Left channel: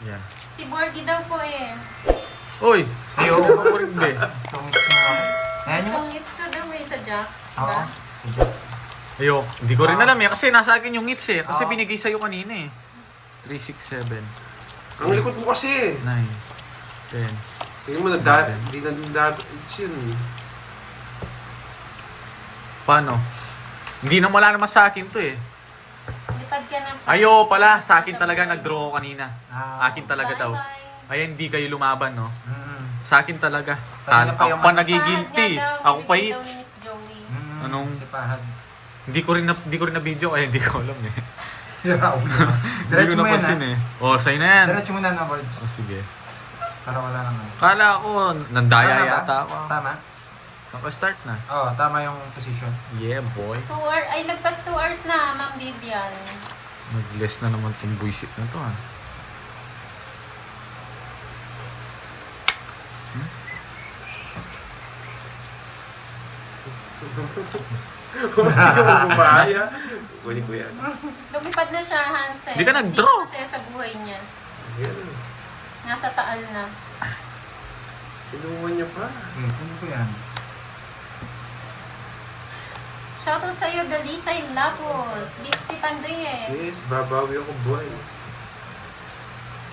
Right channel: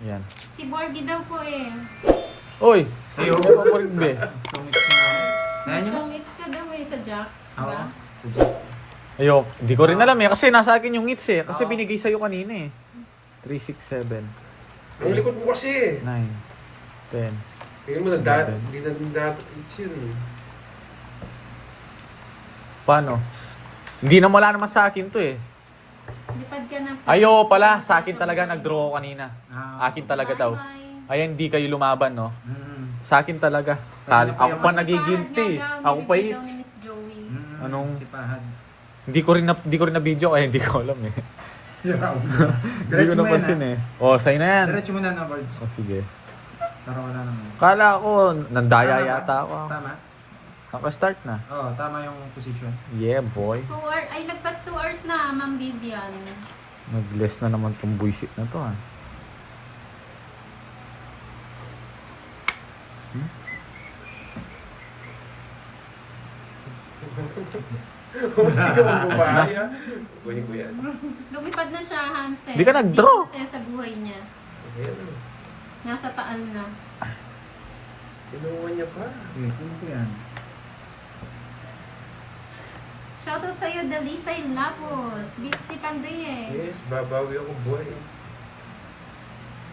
Yan. Si Borgie daw po eh. Uy! Hindi mo pa po rin, be. Ayan yun. Itong hits ka daw eh sa Jack. Oo. Diba? Sige. Ayok, hindi ko rin alam eh. Kasi nasa akin yung hits eh. Kasi binigay sa'yo kanina eh. 3, 6, 7, Ang likod mo kasi 9, 10. Tingnan mo, hindi na nagdadats yun. Paano? Hindi na wala naman sa akin to eh. Lipad ka na. Ayo pala, sa akin talaga nag-draw ako kanina. Ah. Akin talaga daw. Bye-bye. Ayan, hindi kayo lumaban, no? Mm. Sa akin talaga. Kanina pa Ako yung pa mas- nagigilty. Pahad nga daw, Ako pa binigay daw hits. ni Miss Joey. Anong- Si Pahag. Hindi ko rin na video kaya hindi ko alam eh. Hindi ko Diretso mo yan, napansin eh. Oh, sa'yo na yan. Diretso mo na ng gold. Oh, sige. Para wala naman. Kala ko, nandaya Tama ba? yata ako. Tama? Naka-start na. Oo, tama yung position. Yeah, boy. 2 hours, ay nagpas 2 hours na, Ma'am Vivian. Nag-less na naman tong buisit na to, ha. Hindi ka magbubaya. Kunin ko yan. Lumipad na siya, Hansel. Di ka nag-draw. Hindi siya masaya sa buhay niya. Ayan. Nasa taal na. Kinuha niya pa. Sige, kunin ko yan. Shoutout sa'yo, Dalisay Lapos. Busy si Pandoy eh. Yes, babawi ako, boy.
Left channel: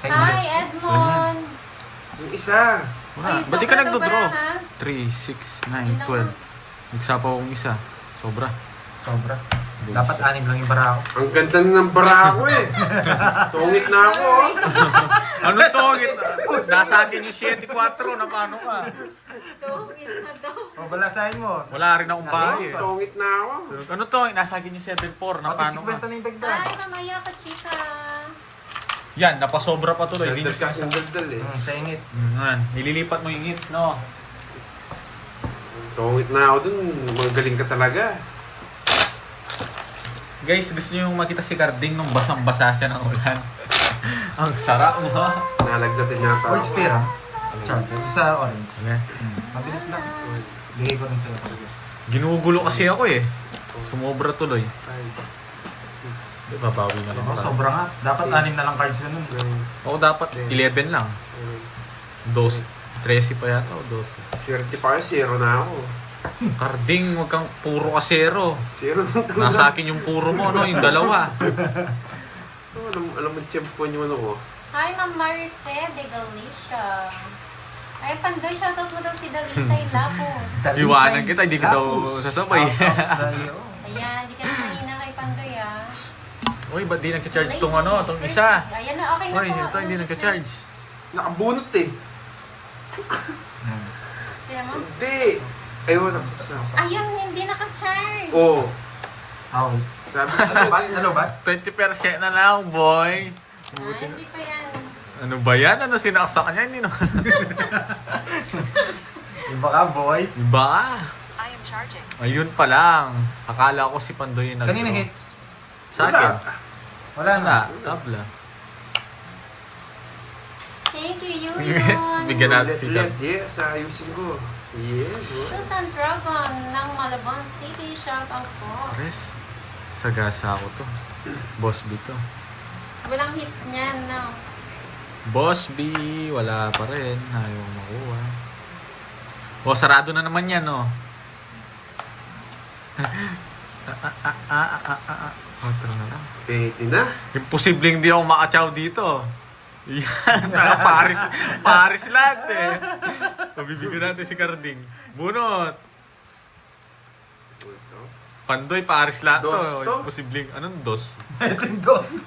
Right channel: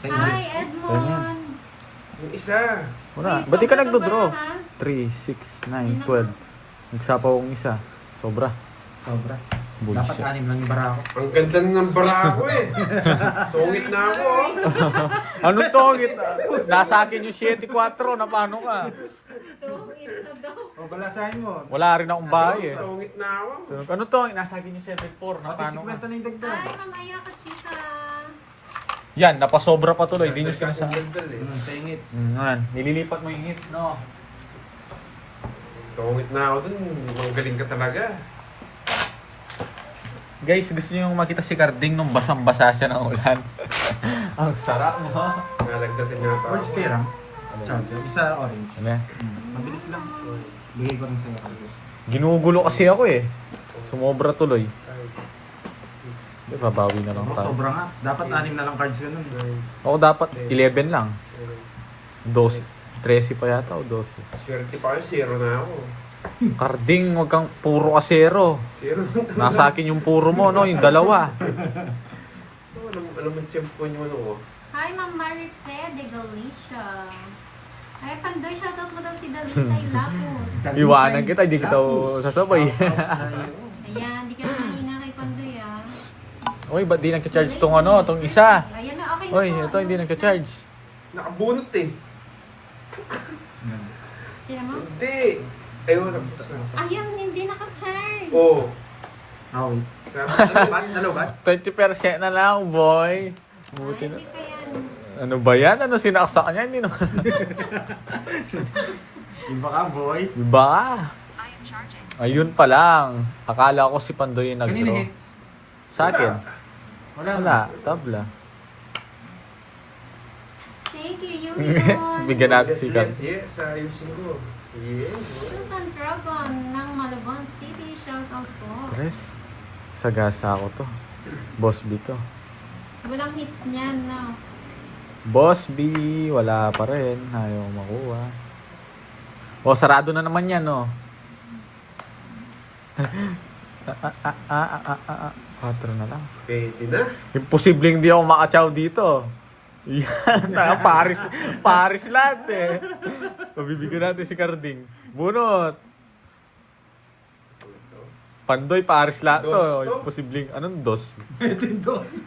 Hi, Edmond. Yung isa. Wala. Ay, Ba't di ka sobra nagdo-draw? to ba, ha? 3, 6, 9, 12. Nagsapaw akong isa. Sobra. Sobra. Dapat 6 lang yung bara ko. Ang ganda ng bara ko eh. Tungit na ako. Anong to? Nasa akin yung 7-4 na paano ka? Tungit na daw. O, balasahin mo. Wala rin akong bahay eh. Tungit na ako. So, ano to? Nasa akin yung 7-4 na Pati paano 50 ka? na yung dagdag. Ay, mamaya ka, chika. Yan, napasobra pa tuloy. Hindi nyo Gandal kasing sinasabi. gandal eh. Sa ingits. Yan, nililipat mo yung hits, no? Tungit na ako dun. Magaling ka talaga. Guys, gusto nyo makita si Carding nung basang-basa siya ng ulan. Ang sarap mo, ha? Nalagdatin na ako. Gold spear, ha? Charger. Sa orange. Ano yan? Mabilis lang. Bigay ko rin sa'yo. Ginugulo kasi ako eh. Sumobra tuloy. Di, babawi na lang Oh, tayo. sobra nga. Dapat 6 na lang cards na nun. Ako dapat 11 lang. 12. 13 pa yata o 12. Swerte pa kayo, zero na ako. Carding, wag kang puro kasero. Zero na. Nasa akin yung puro mo, no? Yung dalawa. Alam mo, champion yung ano ko. Hi, Ma'am Marite de Galicia. Ay, Pandoy, shoutout mo daw si Dalisay Lapos. Iwanan kita, hindi kita sasabay. Ayan, di ka na mahina kay Pandoy ah. Uy, ba't di nagcha-charge tong ano, tong isa? Ayan na, okay na Uy, to. ito hindi nagcha-charge. Nakabunot eh. Tignan mo. Hindi. Ayun, Ayun, hindi naka-charge. Oo. Ah, wait. Sabi Ano ba? Ano ba? 20% na lang, boy. Buti Ay, na. hindi pa yan. Ano ba yan? Ano sinaksak niya? Hindi naman. Iba ka, boy. Iba ka. Ayun pa lang. Akala ko si Pandoy yung Kanina nag-draw. hits. Sa akin. Wala na. Wala. Tabla. Thank you, Yurion. Bigyan natin si Cam. Yes, ayusin ko. Yes. Susan Dragon ng Malabon City. Shoutout po. Tres. Sagasa ako to. Boss B to. Walang hits niyan, no? Boss B. Wala pa rin. Ayaw makuha. O, sarado na naman yan, no? 4 na lang. Pwede na. Imposibleng di ako makachaw dito. Yan, Paris lahat eh. Pabibigyan natin si Carding. Bunot. Pandoy, Paris lahat to. Dos to? Imposibleng, anong dos? Ito yung dos.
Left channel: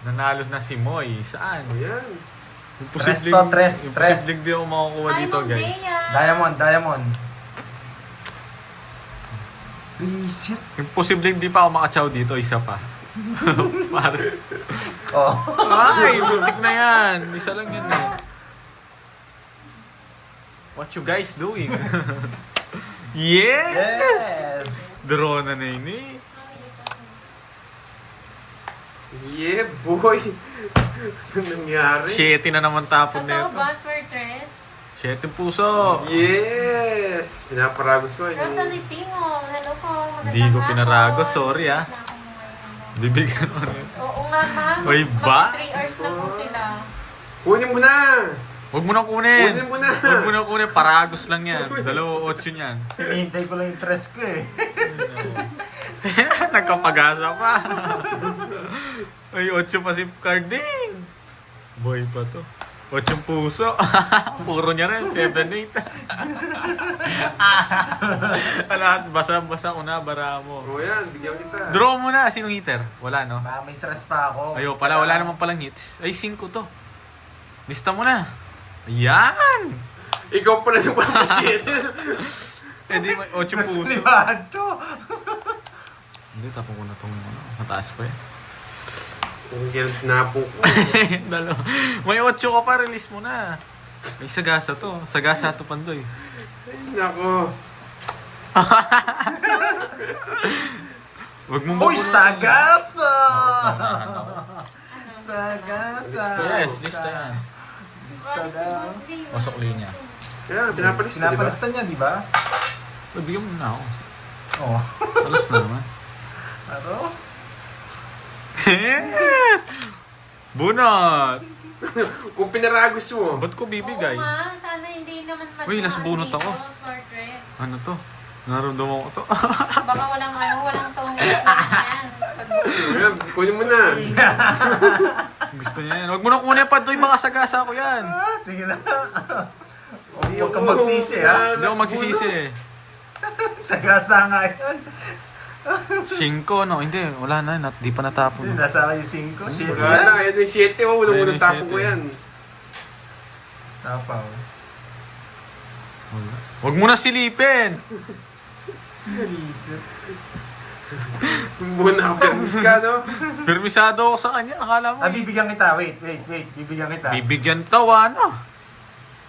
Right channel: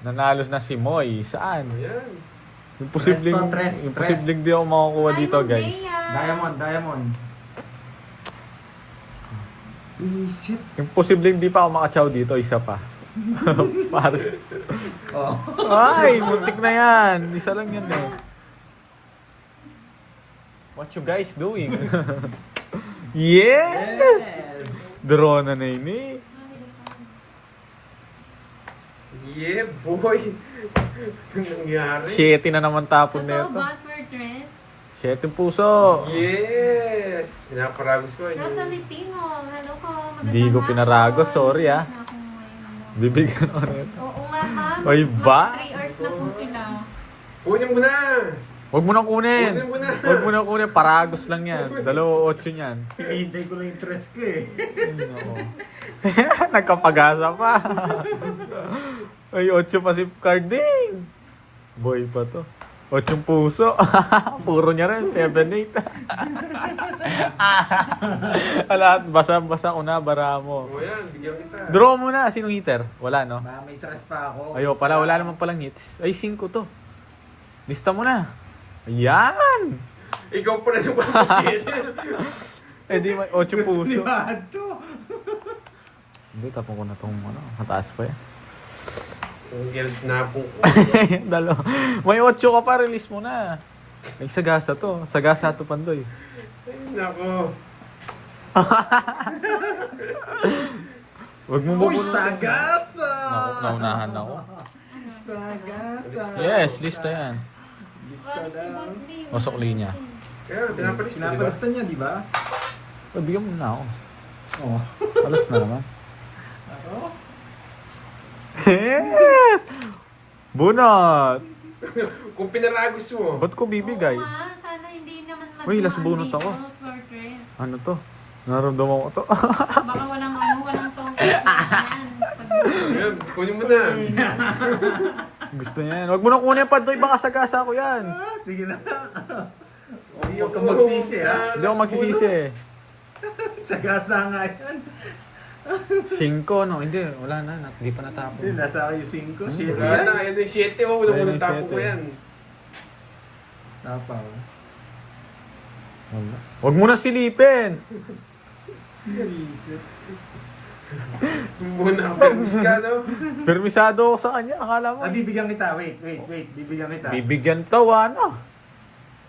Nanalos na si Moy. Saan? Ayan. Imposibleng di ako makakuha Hi, dito, Ma'am guys. Bea. Diamond. Visit. Imposibleng di pa ako makachaw dito. Isa pa. Paris. Oh. Ay, muntik na yan. Isa lang yan eh. What you guys doing? Yes! Draw na yun eh. Yeah, boy. Ano nangyari? 7 na naman tapon na Totoo ito. ba, Swertres? 7 puso. Yes! Pinaparagos ko. Rosalie Pingol, hello po. Hindi ko pinaragos, sorry, ah. Nasa ako mo ngayon. Bibigyan ko na ito. Oo nga ka. Ay, ba? 3 hours na po sila. Kunin mo na! Huwag mo nang kunin. Kunin mo na. Huwag mo nang kunin. Paragos lang yan. 2.8 yan. Hinihintay ko lang yung tres ko eh. Nagkapag-asa pa. Ay, 8 pa si Carding. Boy pa to. 8 puso. Puro niya rin. 7-8. Lahat, basa-basa ko na, bara mo. O yan, bigyan kita. Draw mo na. Sinong hitter? Wala, no? Baka may tres pa ako. Ayo pala, wala naman palang hits. Ay, 5 to. Lista mo na. Ayan! Ikaw pala yung palasin. Eh di, 8 Gusto puso. ni Manto. Hindi, tapon ko na itong mataas pa yan. Ang gilt na po. Dalo. May 8 ka pa, release mo na. Ay, sagasa to. Sagasa to, Pandoy. Ay, nako. Huwag mo Uy, mabulong. sagasa! Sagasa. lista yan. Lista daw. Masok linya. Kaya, pinapalis mo, di ba? Pinapalista niya, di ba? Ay, bigyan mo na ako. Oo. Alas na naman. Ano? Yes! Bunot! Kung pinaragos mo. Ba't ko bibigay? Oo nga, sana hindi naman Uy, last bunot dito, ako. smart dress. Ano to? Naramdaman ko to. Baka walang tongis yan. Ayan, kunin mo na. Gusto niya yan. Huwag mo na kunin, Pandoy. Baka sagasa ko yan. Ah, sige na. Huwag kang magsisi, ha? Hindi ako magsisisi. Sagasa nga yan. 5, no? Hindi, wala na. Di pa natapon. Hindi, nasa kayo 5. Shit Wala yan. na, yan yung 7 mo. Wala mo Ayun ng yung tapo mo 7. yan. Sapaw. Wala. Huwag mo na silipin. Isip. Muna ako permis ka, no? Permisado ako sa kanya. Akala mo. Ah, bibigyan kita. Wait. Bibigyan kita. Bibigyan to, ano?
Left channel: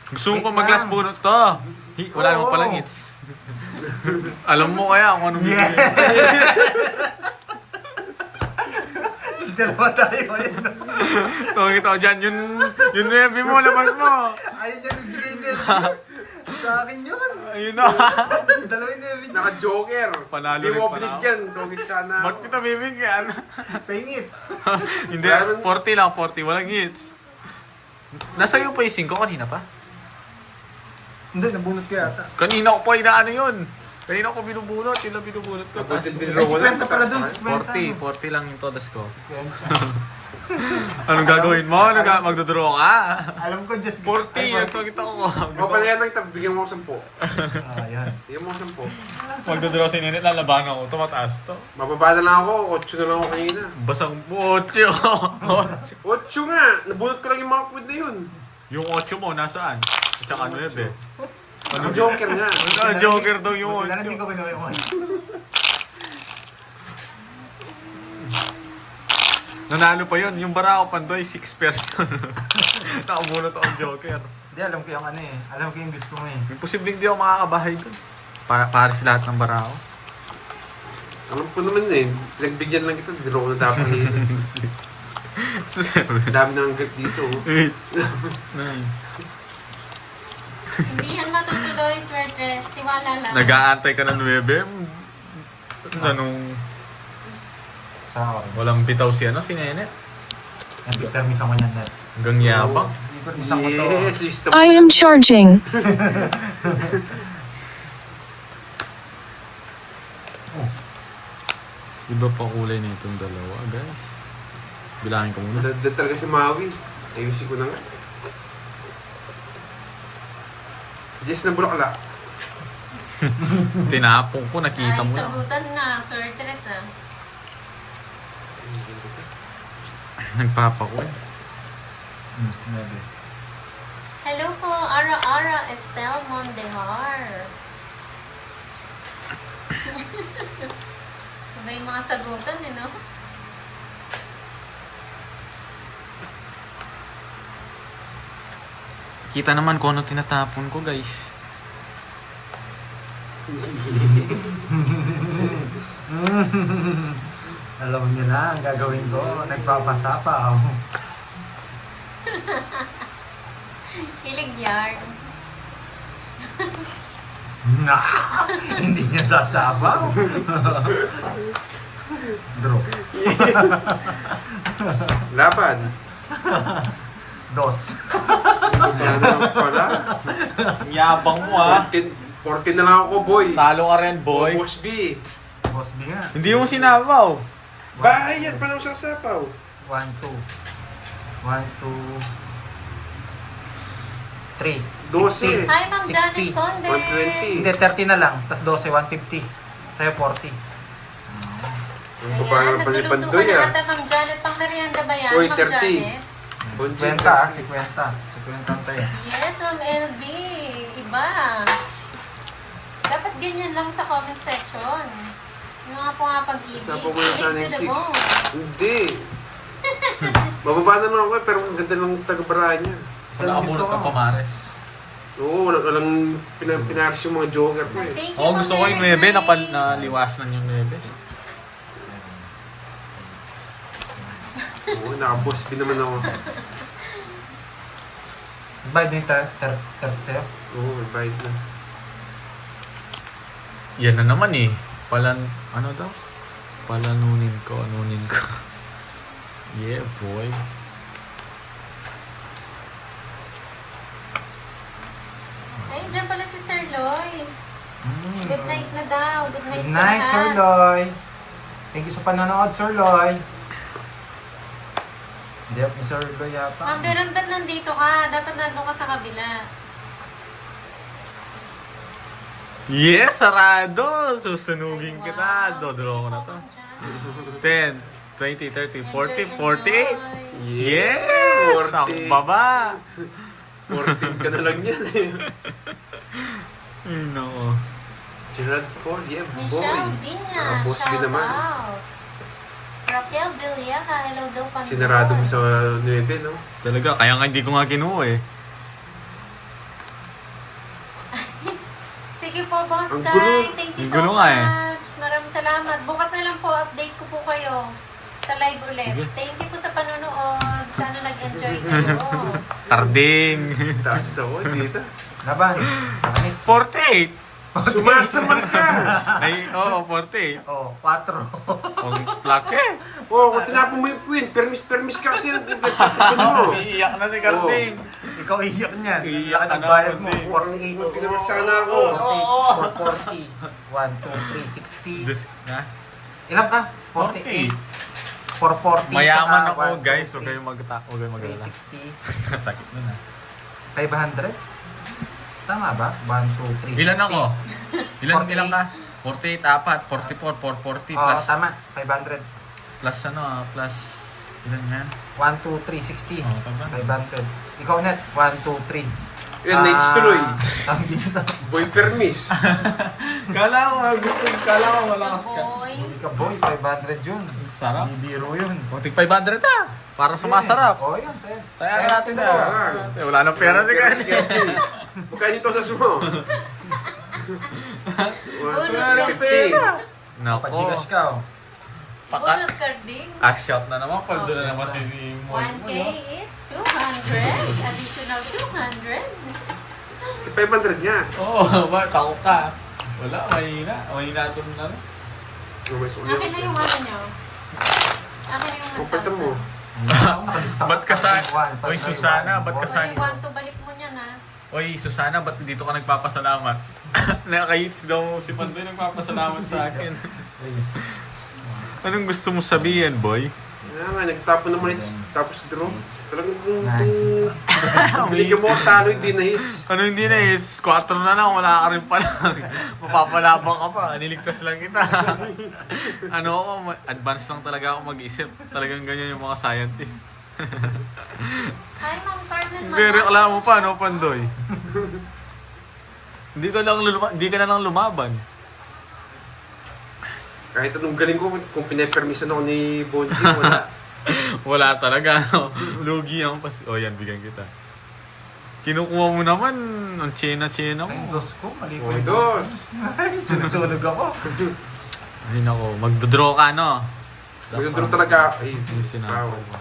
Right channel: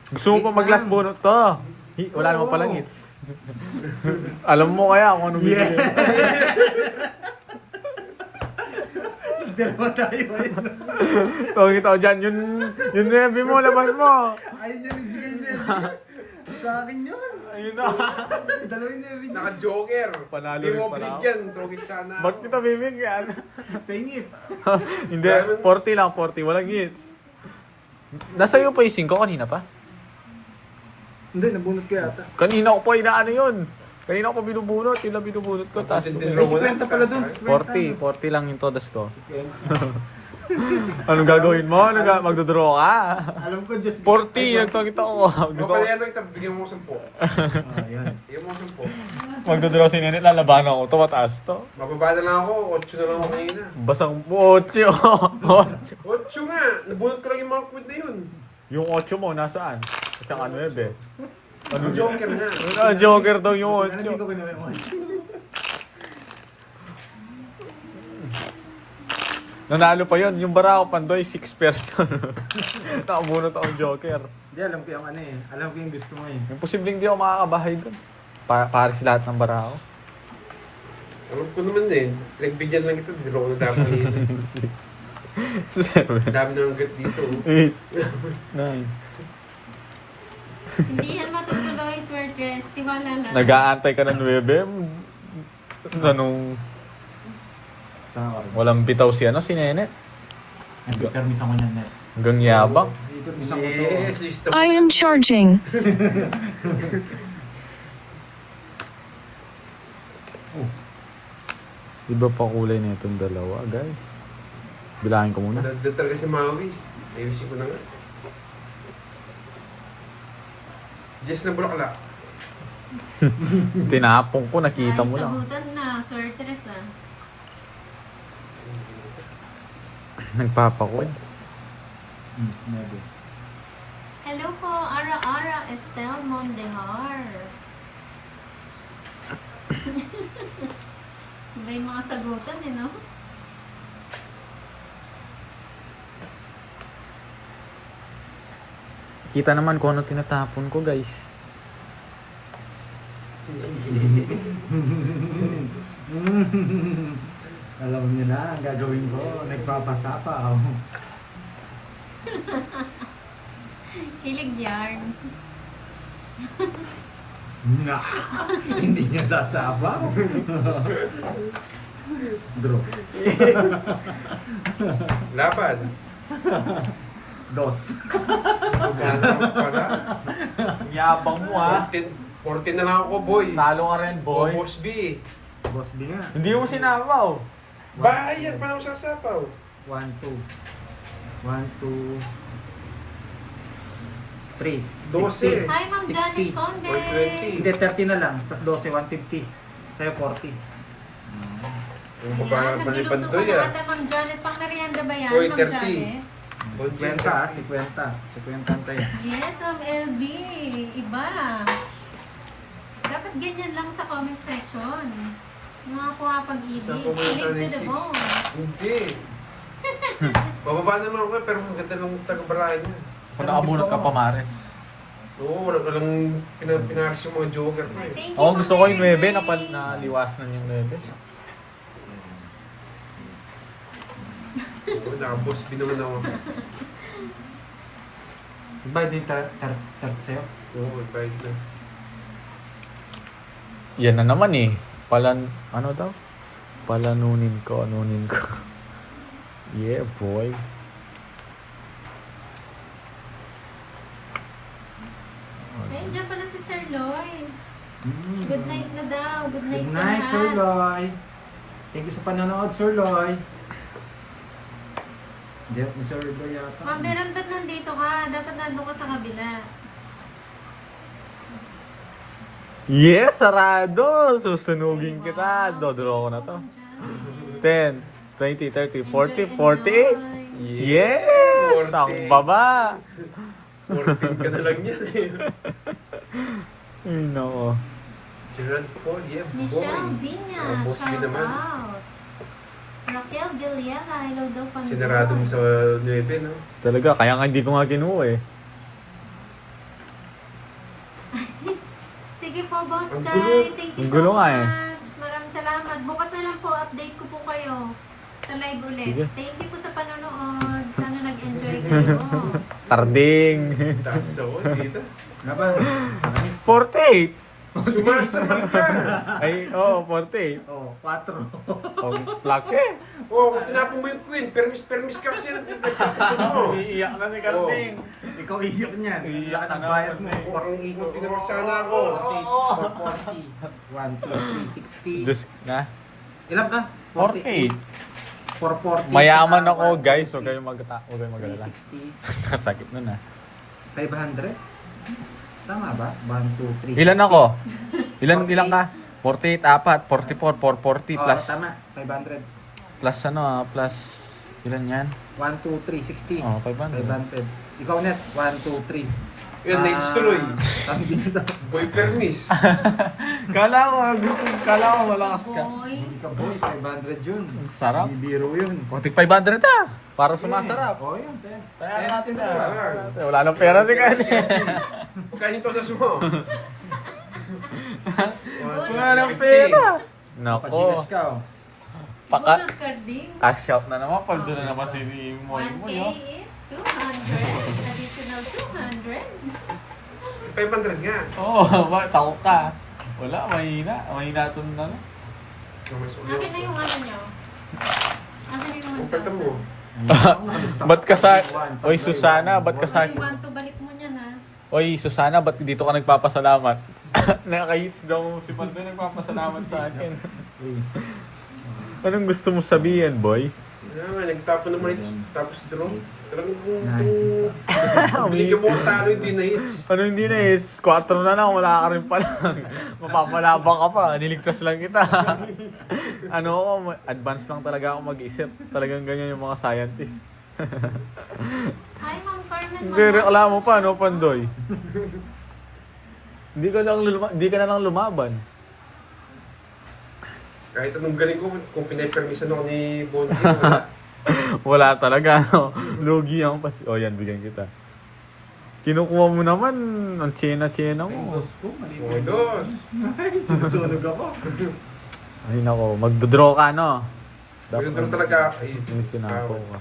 Gusto mo Wait pa mag-last lang. bunot to? Wala naman Oo. palang hits. Alam mo kaya kung anong bibigyan. Tigdalawa tayo. Tawag kita ko dyan. Yun nevi mo, labas mo. Ayun niya bibigay niya. Sa akin yun. Ayun na. Dalawin niya bibigay. Naka-joker. Panalo Di rin mo pala ako. bigyan. Tawag sana. Ba't kita bibigyan? Sa ingits. Hindi, 40 lang, 40. Walang hits. Nasa iyo pa yung 5 kanina pa? Hindi, nabunot ko yata. Kanina ko pa inaano yun. Kanina ko binubunot. Yung lang binubunot ko. Tapos Ay, 50 pala dun. 50. 40 lang yung todas ko. Anong gagawin mo? Magdodraw ka? Alam ko, just 40 yung tawag ko. O kaya nagtab, bigyan mo ako 10. Ayan. Bigyan mo ako 10. Magdodraw si Ninit, lalabanan ko. Ito mataas to. Mababa na lang ako. 8 na lang ako kanina. Basang 8. 8 nga! Nabunot ko lang yung mga food na yun. Yung 8 mo, nasaan? At saka 9. Ano joker nga? Ano, joker daw yung Pero hindi 8. ko kinuha yung 8. Nanalo pa yun. Yung Barako Pandoy, 6 person. Nakabunot akong joker. Hindi, alam ko yung ano eh. Alam ko yung gusto mo eh. Imposibleng di ako makakabahay dun. Pares lahat ng Barako. Alam ko naman eh. Nagbigyan lang kita. Draw na dapat. 7, Dami na ang grip dito. 8, 9. Hindi yan matutuloy, smart dress. Tiwala lang. Nag-aantay ka ng 9. Anong Sa akin. walang bitaw si si Nenet. Nag-permis ako niyan net. Hanggang yabang. Permis ako to. Yes, lista mo. I am charging. Iba pa kulay na itong dalawa, guys. Bilangin ko muna. Nadad talaga si Maui. Ayusin ko na nga. Jess na bulakla. Tinapong ko, nakita mo Ay, lang. sagutan na, Sir Tres ah. Nagpapako eh. Maybe. Hello po, Ara Estelle Mondehar. Iba yung mga sagutan eh, no? Kita naman kung ano tinatapon ko, guys. Alam niyo na, ang gagawin ko. Nagpapasapaw. Kilig yarn. Na! Hindi niya sasabaw. Draw. Laban. Dos. Ano pala? Ang yabang mo ha. 14 na lang ako, boy. Talo ka rin, boy. Boss B. Boss B nga. Hindi mo sinabaw. Bayad pa ako sa sapaw. 1, 2. 1, 2. 3. 12. Hi, Ma'am Janet 60. Conde. 120. Hindi, 30 na lang. Tapos 12, 150. Sa'yo 40. Ang babae ng Nagluluto Pandoy ka na ah. ata, Ma'am Janet. Pang merienda ba yan, Uy, Ma'am 30. Janet? 50 ah, 50. 50 ang tayo. Yes, Ma'am LB. Iba. Dapat ganyan lang sa comment section. Yung mga pumapag-ibig. Saan po muna sana yung Link to the 6? bone. Hindi. Bababa na lang ako pero ang ganda ng taga-baraan niya. Isa lang gusto ko. Maris. Oo, walang pinaris yung mga joker ko eh. Thank you, Oo, Ma'am gusto ko yung 9 Mary na Grace. naliwasan yung 9. Oo, naka-boss B naman ako. Bayad yung 30 sa'yo. Oo, may bite na. Yan na naman eh. Ano daw? Palanunin ko. Yeah, boy. Ay, dyan pala si Sir Loy. Good night na daw. Good night, Good night, sa Sir lahat. Loy. Thank you sa panonood, Sir Loy. Hindi ako ni Sir Loy yata. Ma'am, pero ba't nandito ka? Dapat nandun ka sa kabila. Yes, sarado! Susunugin kita. Dodraw ko na to. 10, 20, 30, 40, 48. Yes! 40. Ang baba! 14 ka na lang yan eh. Ay, nako. Gerard Paul, yeah, Michelle boy. Vinya, Naka-boss B shout naman. out. Raquel Villena, hello daw Pandoy. Sinarado mo sa 9, no? Talaga, kaya nga hindi ko nga kinuha eh. Sige po, Boss Ang Kai. gulo. Thank you Ang so gulo nga eh. much. Maraming salamat. Bukas na lang po, update ko po kayo sa live ulit. Sige. Thank you po sa panonood. Sana nag-enjoy kayo. Tarding. Taso, dito. Laban. 7 minutes. 48! Sumasaman ka! Ay, oo, 48. Oh, 4. Ang laki. Oo, kung tinapon mo yung queen, permis ka kasi yung mo. Iiyak na ni Carding. Ikaw iyak niyan. Iiyak ka na, Bayad mo. kundi. 40. Pinag sana ako. 40. 1, 2, 3, 60. Just na. Ilan ka? 48. 440. Mayaman saka ako, guys. Huwag kayong mag-alala. 360. Sakit mo na. 500? Tama ba? 1, 2, 3, Ilan ako? Ilan ka? 48, 4, 44, 440 Oo, plus. tama. 500. Plus ano, plus. Ilan yan? 1, 2, 3, 60. Oh, 500. 500. Ikaw net, 1, 2, 3. Yan, nights tuloy. Ang dito. Boy permis. Kala ko wala Boy. Hindi ka boy, 500 yun. Sarap. Hindi biro yun. Butik 500 ah. Para sumasarap. Oo, yan. Kaya natin na. Ah. Wala nang pera si Kanye. Magkano ito sa mo? Ulit 150. Nako. Pachigas ka, oh. Paka Bonus carding. cash out na naman. Paldo na naman si Moy. 1K is 200. Additional 200. 500 nga. Oo, takot ka. Wala, mahina. Mahina ito na. Akin na yung ano nyo. Akin na yung Kumpulta mo. 1,000. Ba't ka sa... Oy, Susana, ba't ka sa... Ay, 1 to balik mo niyan ha. Oy, Susana, ba't dito ka nagpapasalamat? Nakahits daw si Pandoy nagpapasalamat sa akin. Anong gusto mo sabihin, boy? Nga nga, nagtapo naman hits. Tapos draw. Talagang kung bigyan mo ang talo, hindi na hits. Ano hindi na eh, 4 na lang, wala ka rin pa lang. Mapapalabang ka pa, niligtas lang kita. Ano ako, advance lang talaga ako mag-isip. Talagang ganyan yung mga scientist. Hi, Ma'am Carmen. Hindi, reklamo pa, no, Pandoy? Hindi ka na lang lumaban. Kahit anong galing ko, kung pinay-permission ako ni Bondi, wala. Wala talaga, no? Lugi ang pas... Oh, yan, bigyan kita. Kinukuha mo naman, ang tsena-tsena mo. Sendos ko, mali O, dos. Ay, sinusunog ako. Ay, nako, magdodraw ka, no? Magdodoro talaga ako. Yung sinako ka.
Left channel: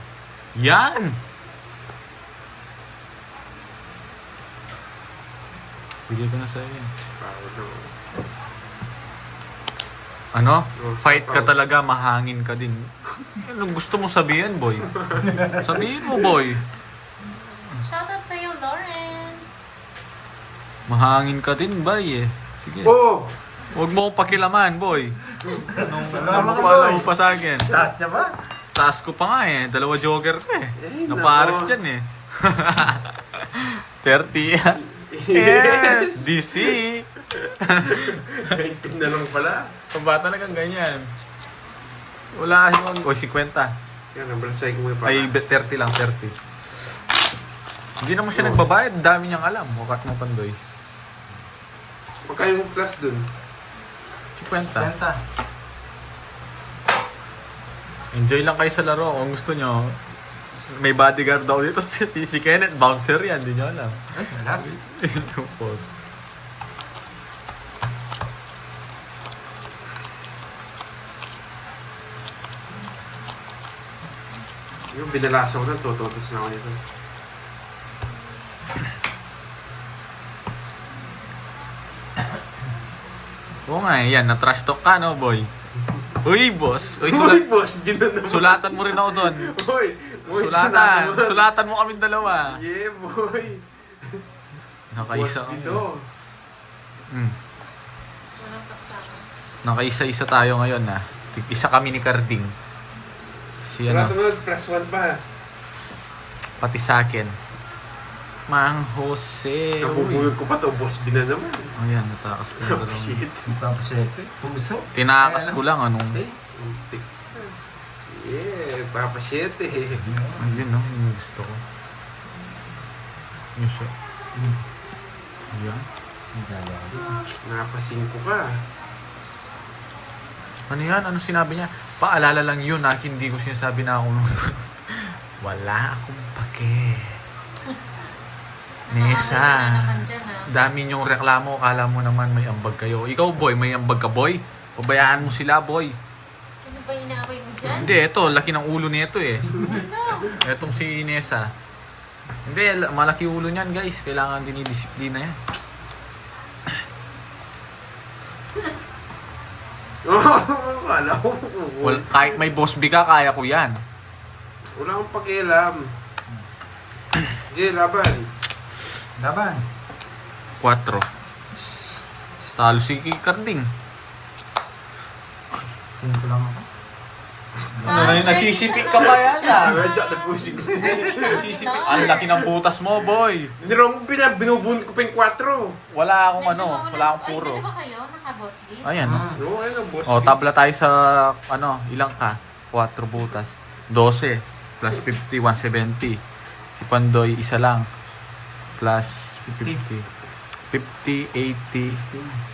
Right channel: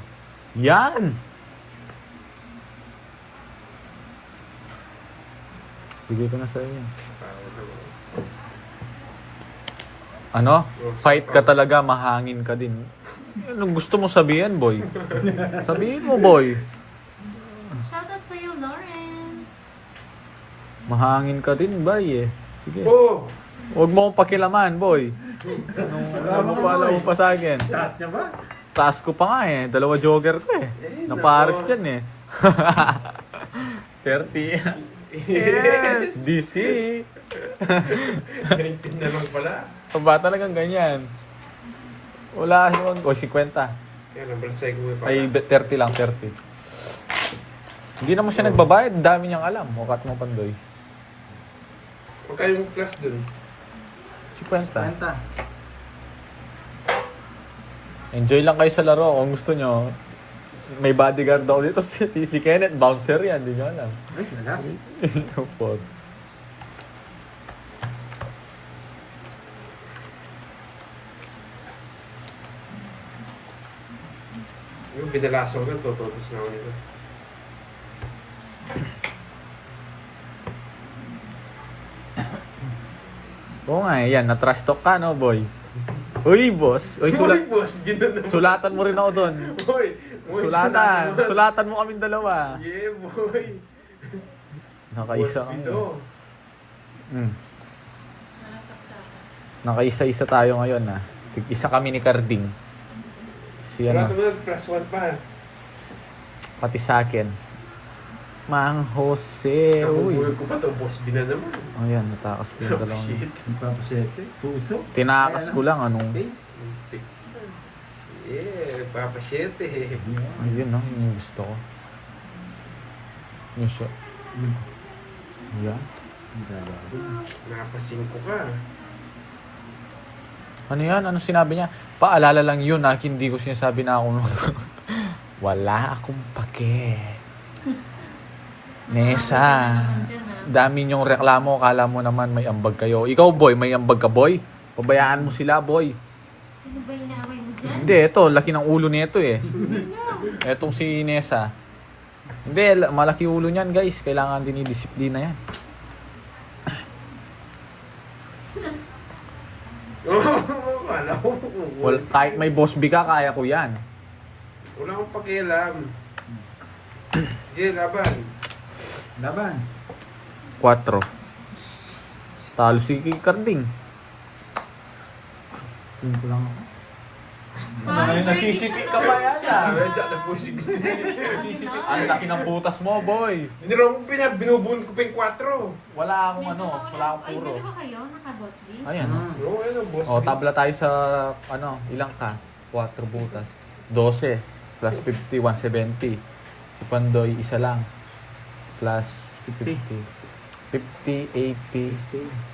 Yan! Bigay ko na sa'yo. Ano? Fight ka talaga, mahangin ka din. Anong gusto mo sabihin, boy? Sabihin mo, boy. Shoutout sa'yo, Lawrence. Mahangin ka din, boy eh. Sige. Oh! Huwag mo akong pakilaman, boy. Ano pala mo pa sa akin? Taas niya ba? Taas ko pa nga eh. 2 jogger ko eh. Napares dyan eh. 30. Yes! DC! 19 na lang pala. Ang bata talagang ganyan. Wala, o 50. Yan, nabalasay ko yung Ay, 30 lang, 30. Hindi naman siya nagbabayad. Dami niyang alam. Wakat mo, Pandoy. Magkano yung plus dun? 50. Kanta. Enjoy lang kayo sa laro. Kung gusto nyo, may bodyguard daw dito. Si Kenneth, bouncer yan. Hindi nyo alam. Lupot. Yung binalasaw na, tototos na ako nito. Oo nga eh, yan. Na-trash talk ka, no, boy? Uy, boss. Uy, Uy, boss, ginano. sulatan mo rin ako doon. Uy! Uy, Sulatan. sulatan. Sulatan mo kaming dalawa. Yeah, boy. Nakaisa Boss, kami. Guido. Walang saksakan. Nakaisa-isa tayo ngayon ah. Isa kami ni Carding. Si ano, Wala plus 1 pa. pati sa akin. Mang Jose. Uy. Nabubulog ko pa to, boss, binanam. Oh yan, natakas ko yung dalawang. Shit. Hindi pa po siya. Puso. Tinakas ko lang anong. Yeah, Papa 7 eh. Ayun no, yung gusto ko. Yung sa... Ayan. Napasin ko ka. Ano yan? Ano sinabi niya? Paalala lang yun ah. Hindi ko sinasabi na ako. Wala akong pake. Nesa. Naman dyan, ah. Dami niyong reklamo. Kala mo naman may ambag kayo. Ikaw boy, may ambag ka boy. Pabayaan mo sila boy. Sino ba inaaway mo dyan? Hindi, ito. Laki ng ulo nito eh. Ano? Etong si Nesa. Hindi, malaki ulo niyan guys. Kailangan din i-disiplina yan. Wala ko. Kahit may boss B ka, kaya ko yan. Wala akong pakialam. Sige, laban. Laban. 4. Talo si Carding. 5 lang ako. Ano yun? Nagsisipik ka pa yan ah. Medyo na po si gusto niya. Ang laki ng butas mo, boy. Nirong binubun ko pa yung 4. Wala akong ano, wala akong puro. Ay, dalawa kayo? Naka-boss B? Ayan. Oo, ayun ang boss. O, tabla tayo sa, ano, ilang ka? 4 butas. 12 plus 50, 170. Si Pandoy, isa lang. Plus 50. 50, 80.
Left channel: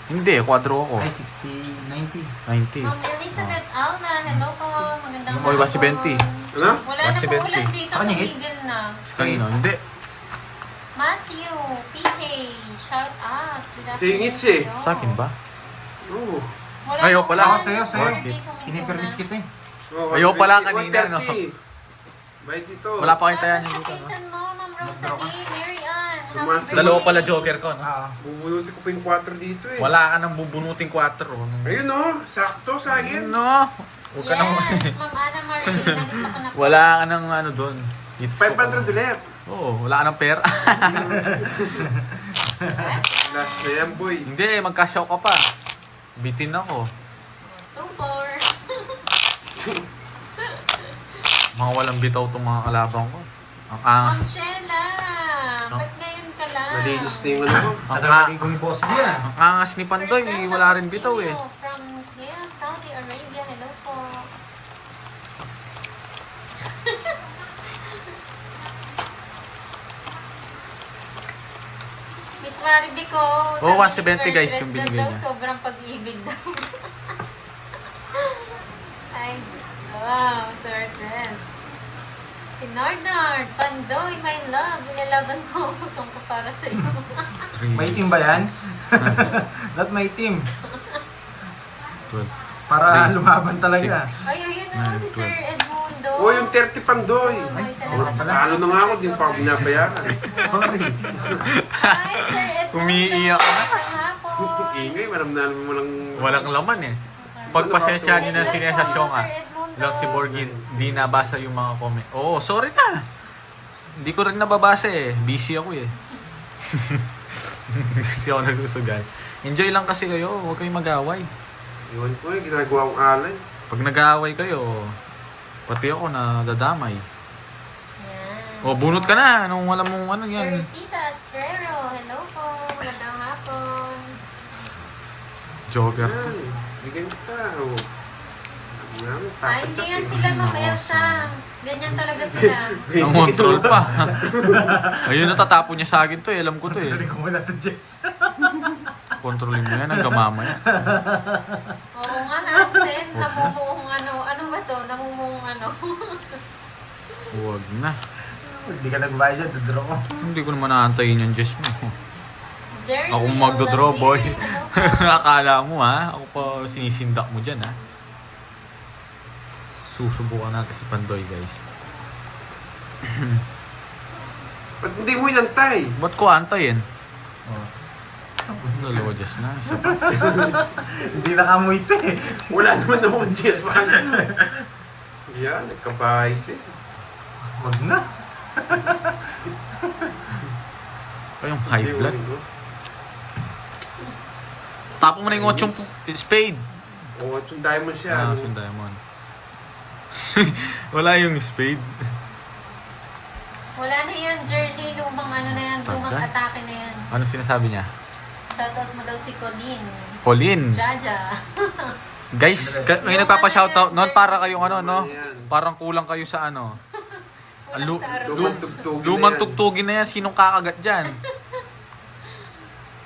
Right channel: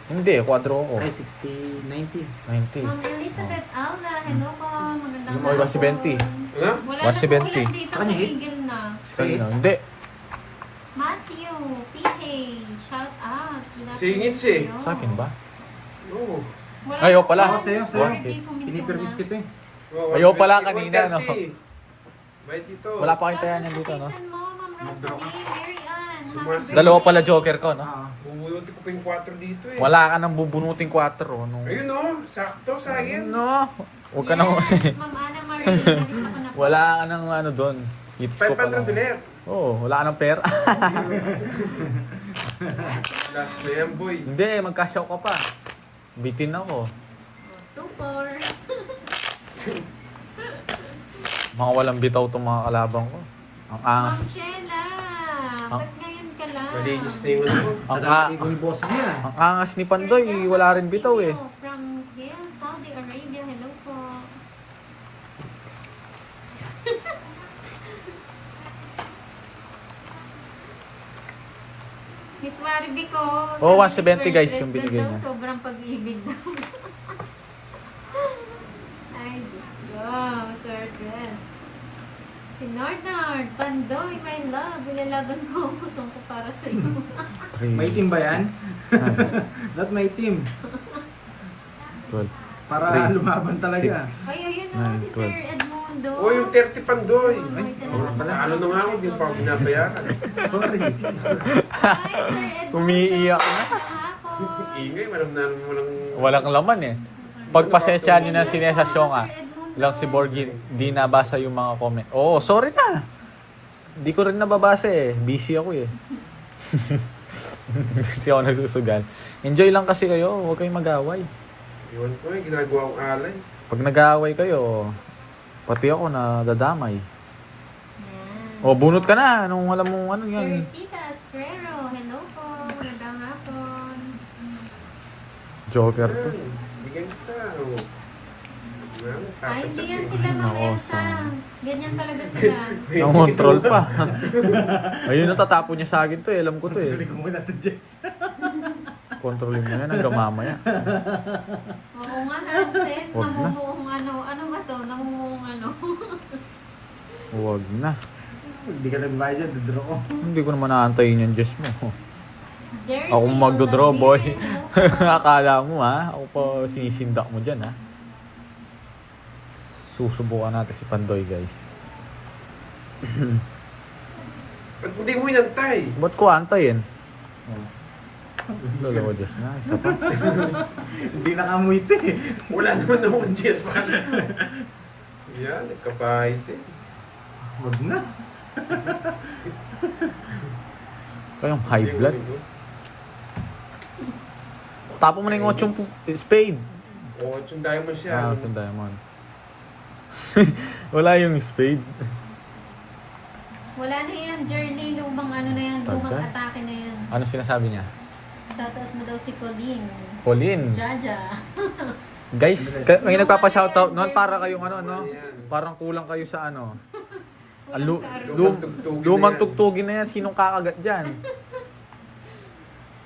60. Hindi, kwadro ako. Ay, 60, 90. 90. Ma'am Elizabeth Alna, hello po. Magandang Oy, hapon. 170. Ano? Wala na po 170. ulan dito. Sa kanya hits? Tumigil na. Kanino? Hindi. Matthew, PK, shout out. Sa hingits eh. Sa akin ba? Oo. Wala Ayaw po pala. ulan. Ako sa'yo, sa'yo. Saturday, Suminto Pinipermis na. kita eh. Oo, Ayaw pala 120, kanina, no? 130. Bayad dito. Wala pa kayong tayan yung dito, no? Pinsan mo, Ma'am Rosalie, Mary Ann. Happy Sumas- birthday. Dalawa pala joker ko, no? Bubunutin ko pa yung 4 dito eh. Wala ka nang bubunuting 4, no? Ayun o, sakto sa akin. No? Huwag ka nang... Yes, Ma'am Ana Marie, nalista ko na po. Wala ka nang ano doon. Hits ko pa 500 ulit. Oo, wala ka nang pera. Last na yan, boy. Hindi, magka-show ka pa. Bitin ako. 2-4. Mga walang bitaw itong mga kalabang ko. Ang Ma'am angas. Sheila, ba't ngayon ka lang? Malinis na yung ano ko. Ang, Tadami ko yung boss niya. ang angas ni Pandoy, wala rin bitaw eh. From Hill, Saudi Arabia, hello po. Miss Maribico. Oh, sabi 170 ni Sir guys, Dres yung lang binigay daw, niya. Sobrang pag-ibig daw. Ay, wow, Sir Dres. Si Nard, Pandoy, my love, nilalaban ko ang putong ko para sa iyo. May team ba yan? Not my team. 12. Para Three. lumaban talaga. Ay, ayun na si Sir 12. Edmundo. O, yung 30 Pandoy. Ay, Wala pala. Talo na nga ako, di pa ako binabayaran. Sorry. Hi, Sir Edmundo. Umiiyak na. Hapon. Ingay, malam na mo lang... Walang laman eh. pagpasensyahan nyo na si Nessa Sionga. Lang si Borgie, di nabasa yung mga comment. Oo, sorry na. Hindi ko rin nababasa eh. Busy ako eh. Busy ako nagsusugal. Enjoy lang kasi kayo. Huwag kayong mag-away. Yun po yung ginagawa kong alay. Pag nag-aaway kayo, pati ako na dadamay. Yan. O, bunot ka na. Anong alam mo, ano yan? Teresita Estrero, hello po. Magandang hapon. Joker to. Bigyan ko pa. Ay, hindi yan sila mamersa. Ganyan talaga sila. Nang-control pa. Ayun, natatapon niya sa akin to eh. Alam ko to eh. Tuloy ko muna to, Jess. Kontrolin mo yan hanggang mamaya. Oo nga, Hansen. Huwag na. Namumuong ano. Ano ba to? Namumuong ano. Huwag na. Hindi ka nagbayad dyan, dodraw ko. Hindi ko naman naantayin yung Jess mo. Jeremy, Ako magdodraw, boy. hello po. Akala mo ha? Ako pa sinisindak mo dyan ha? Susubukan natin si Pandoy, guys. Ba't hindi mo inantay? Ba't ko antayin? Dalawa Jess na. Isa pa. Hindi nakamoy ito eh. Wala naman akong Jess man. Yan, nagkabahit eh. Wag na. Kayong high blood. Tapo mo na yung 8 spade. Oo, yung diamond siya. Ah, yung diamond. Wala yung spade. Wala na yan, Jerly. Lumang ano na yan. Lumang Tagay. atake na yan. Ano sinasabi niya? Shoutout mo daw si Colleen. Pauline. Jaja. Guys, may nagpapa-shoutout noon para kayong ano, no? Parang kulang kayo sa ano. Walang sa araw. Lumang tugtugin na yan. Sinong kakagat dyan?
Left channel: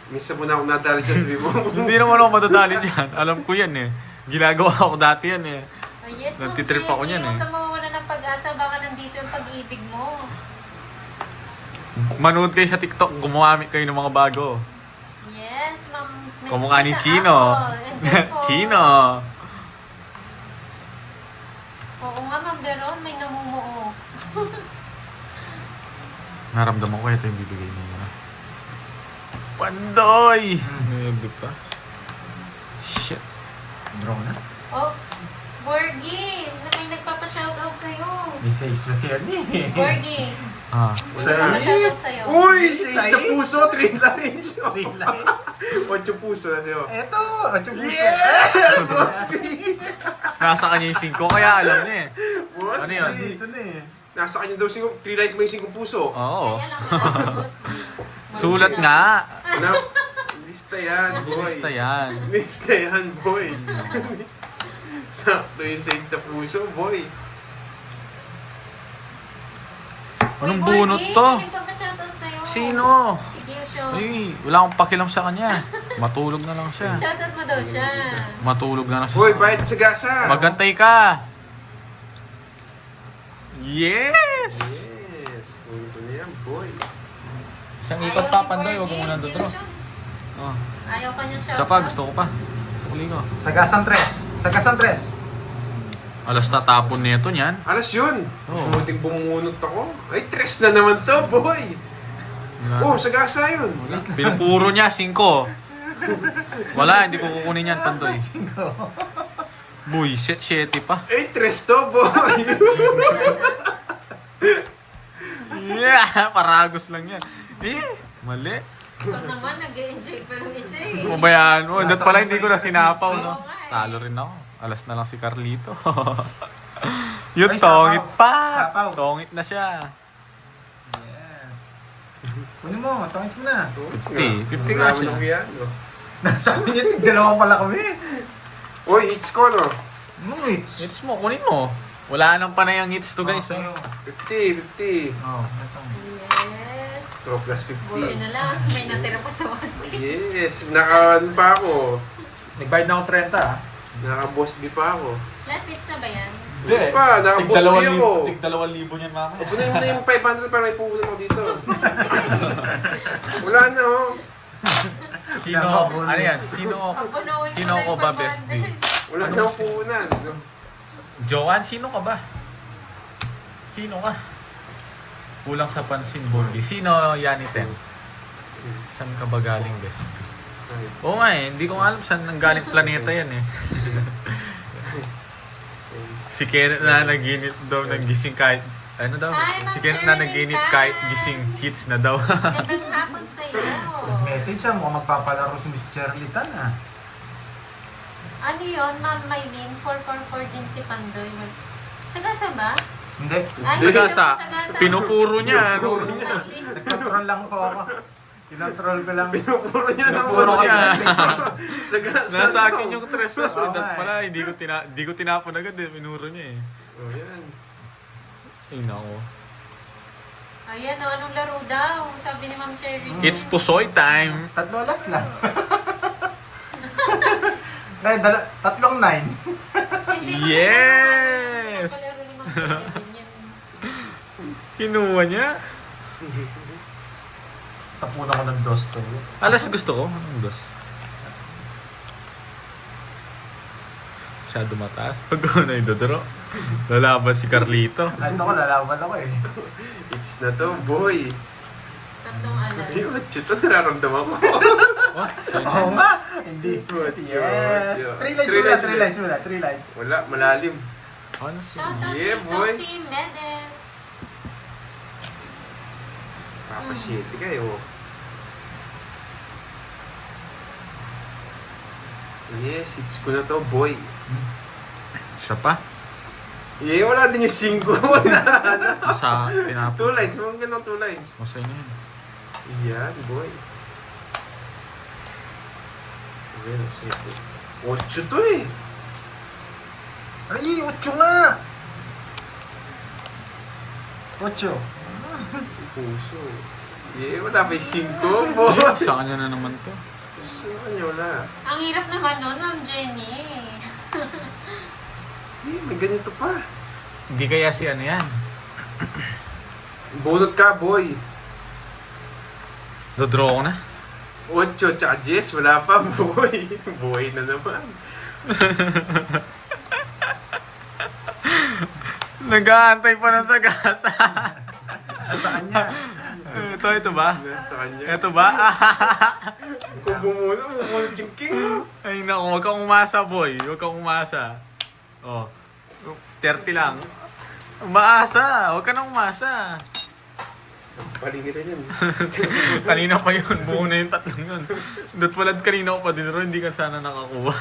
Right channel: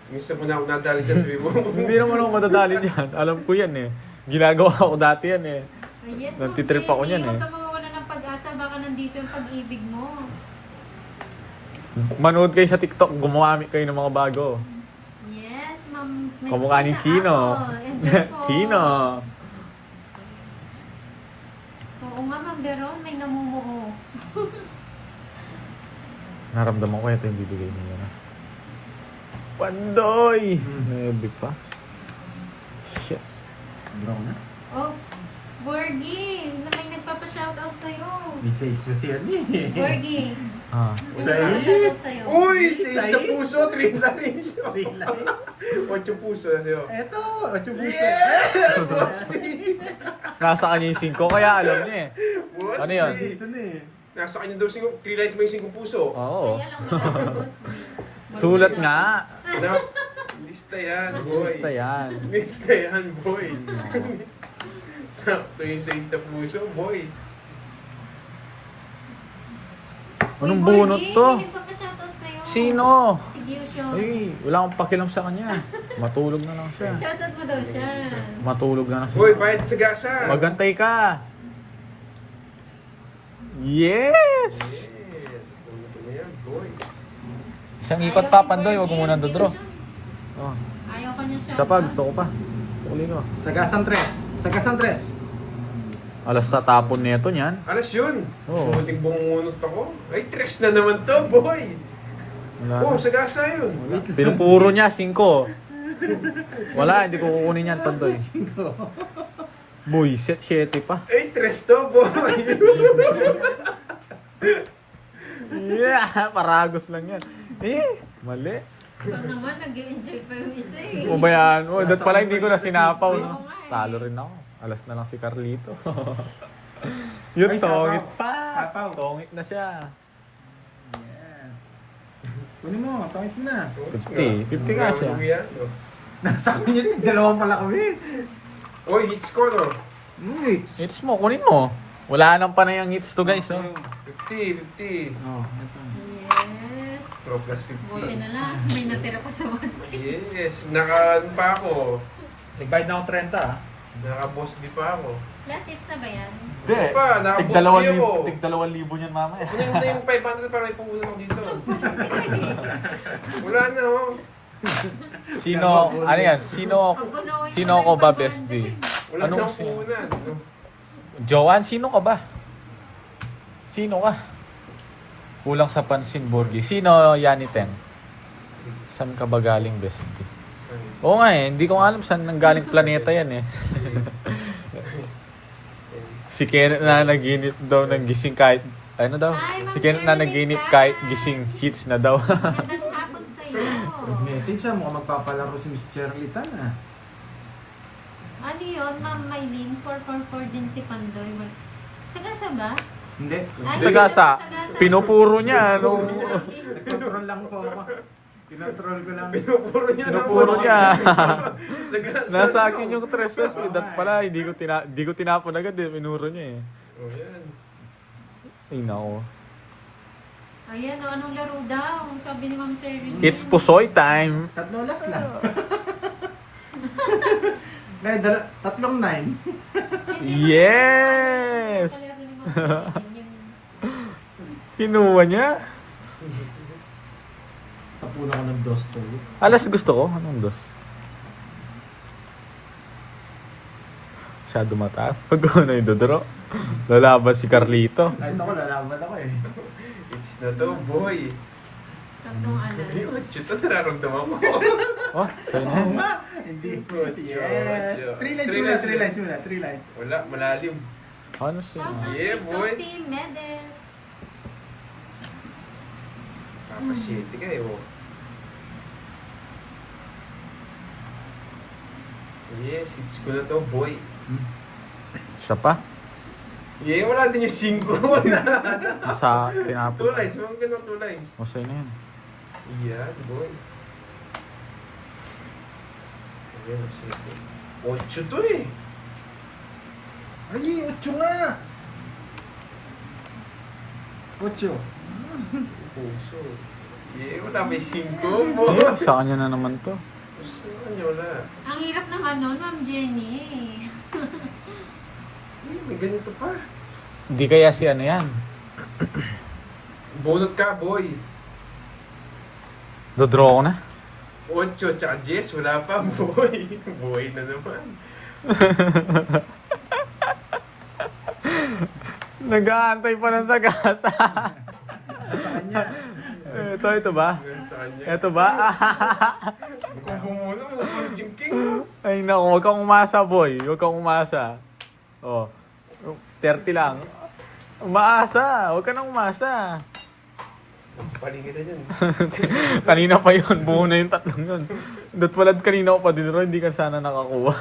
Minsan mo na ako nadali dyan, sabi mo. Hindi naman ako madadali dyan. Alam ko yan eh. Ginagawa ko dati yan eh. Ay, yes, Nantitrip ako niyan, eh. Huwag ka mawawala ng pag-asa. Baka nandito yung pag-ibig mo. Manood kayo sa TikTok, gumamit kayo ng mga bago. Yes, ma'am. Miss Kamukha ni Lisa Chino. ako. Enjoy po. Chino. Oo nga, ma'am Beron. May namumuo. Naramdaman ko ito yung bibigay niya. No? Pandoy! Nabi pa. Shit. Draw na. Oh, Borgie. Na may nagpapa-shoutout sa'yo. Message pa siya ni. Borgie. Ah. May nagpapa-shoutout sa'yo. Uy! 6 na Sais? puso, 3 lines. 3 lines. 8 puso na sa'yo. Eto, at yung puso. Nasa kanya yung 5, kaya alam niya eh. Boss, Ano yun? Dito na eh. Nasa kanya daw 3 lines may 5 puso. Oo. Kaya lang ako, boss. Sulat nga. Wala. Lista yan, boy. Lista yan. Lista yan, boy. Sakto yung 6 na puso, boy. Anong Uy, bunot Borgie, to? may nagpapa-shoutout sa'yo. Sino? Si Gyusho. Ay, wala akong pakilam sa kanya. Matulog na lang siya. Shoutout mo daw siya. Matulog na lang siya. Boy, sa- bayad sa gasa. Magantay ka. Yes! Yes, punto na yan, boy. Isang Ayaw si Borgie, Gyusho. Oh. Ayaw ka niya shoutout. Isa pa, gusto ko pa. Sukuli ko. Sagasan tres. Sagasan tres. Alas tatapon nito niyan. Alas yun. Oo. Kunting bumunot ako. Ay, 3 na naman to, boy. Wala. Oh, sa gasa yun. Wala. Pinupuro niya, 5. Wala, hindi ko kukunin yan, Pandoy. Boy, set 7 pa. Ay, 3 to, boy. Yeah, paragos lang yan. Eh, mali. Ikaw naman, nag-enjoy pa yung isa eh. Ubayaan mo. Dat pala hindi ko na sinapaw, no? Talo rin ako. Alas na lang si Carlito. Yun, Ay, tongit sapaw. pa. Sapaw. Tongit na siya. Yes. Kunin mo, tawag mo na. 50 nga siya. Nasa kanya, dalawa pala kami. Uy, hits ko, no? Wait. Hits mo, kunin mo. Wala nang panay ang hits to, guys. Eh. 50, 50. Oh, ito. Yes. So, plus Buti 50. na lang. May natira pa sa 1K. Yes, naka-ano pa ako. Nagbayad na ako 30, ah. Naka-boss B pa ako. Last hits na ba yan? Hindi pa, naka-boss B ako. 2,000 niyan, mama. Pupunin mo na yung 500 para may pupunin mo dito. Wala na, oh. Sino, ano yan? Sino Punuin Sino mo na ako yung ba, 500. bestie? Wala Anong na akong si- pupunan. Joanne, sino ka ba? Sino ka? Kulang sa pansin, Borgie. Sino, Yaniten? Saan ka ba galing, bestie? Oo nga eh, hindi ko nga alam saan nanggaling planeta yan eh. Si Kenneth na naginip daw ng gising kahit, ano daw? Si Kenneth na naginip kahit gising hits na daw. Magandang hapon sa'yo. Message siya, mukhang magpapalaro si Miss Shirley Tan ah. Ano yun, Ma'am Maylene? 444 din si Pandoy. Sagasa ba? Hindi. Ay, Sagasa, pinupuro niya. Ano? Nag-control lang po ako. Tinontrol ko lang. Pinupuro niya na Pinupuro niya. Sagasa. Nasa akin yung tres-tres. Dat pala, hindi ko tinapon agad eh. Pinuro niya eh. Oh, yan. Ay, nako. Ayan, anong laro daw? Sabi ni Ma'am Cherry. It's Pusoy time. 3 last lang. Ay, 3 9. Yes! Palaro ni Ma'am Cherry. Kinuha niya. Tapunan ko ng dos to. Alas gusto ko. Anong dos? Masyado mataas. Pag ko na idodoro. Lalaban si Carlito. Ay, ito ko, lalaban ako eh. It's na to, boy. Tatlong alam. Ayun, ito nararamdaman ko. Oh, sa'yo na. Oo nga! Hindi. Ocho. Yes! 3 lines muna, 3 lines. Wala, malalim. Ano siya? Shoutout Yeah, to boy. Sophie Medes. Papasyente kayo. Yes, it's ko na to, boy. Siya pa? Yeah, wala din yung 5. Wala. Sa 2 tinapon. lines, mga ganun 2 lines. O, sa'yo na yun. Yan, boy. Ayan, sige. 8 to eh. Ay, 8 nga! 8. Puso. Yeah, wala pa yung 5, boy. Ayun, sa kanya na naman to. Puso nyo wala. Ang hirap naman nun, Ma'am Jenny. Eh, may ganito pa. Hindi kaya si ano yan. Bunot ka, boy. Dodraw ko na. 8 tsaka 10, wala pa, boy. Boy na naman. Nag-aantay pa ng sagasa. Saan niya? Ito ba? Ganun sa kanya. Ito ba? Kung bumunot, bumunot yung king. Ay naku, huwag kang umasa boy. Huwag kang umasa. Oh, 30 lang. Umaasa, huwag ka nang umasa. Paling kita yun. Kanina pa yun, buo na yung tatlong yun. Datwalad kanina ko pa din ro, hindi ka sana nakakuha.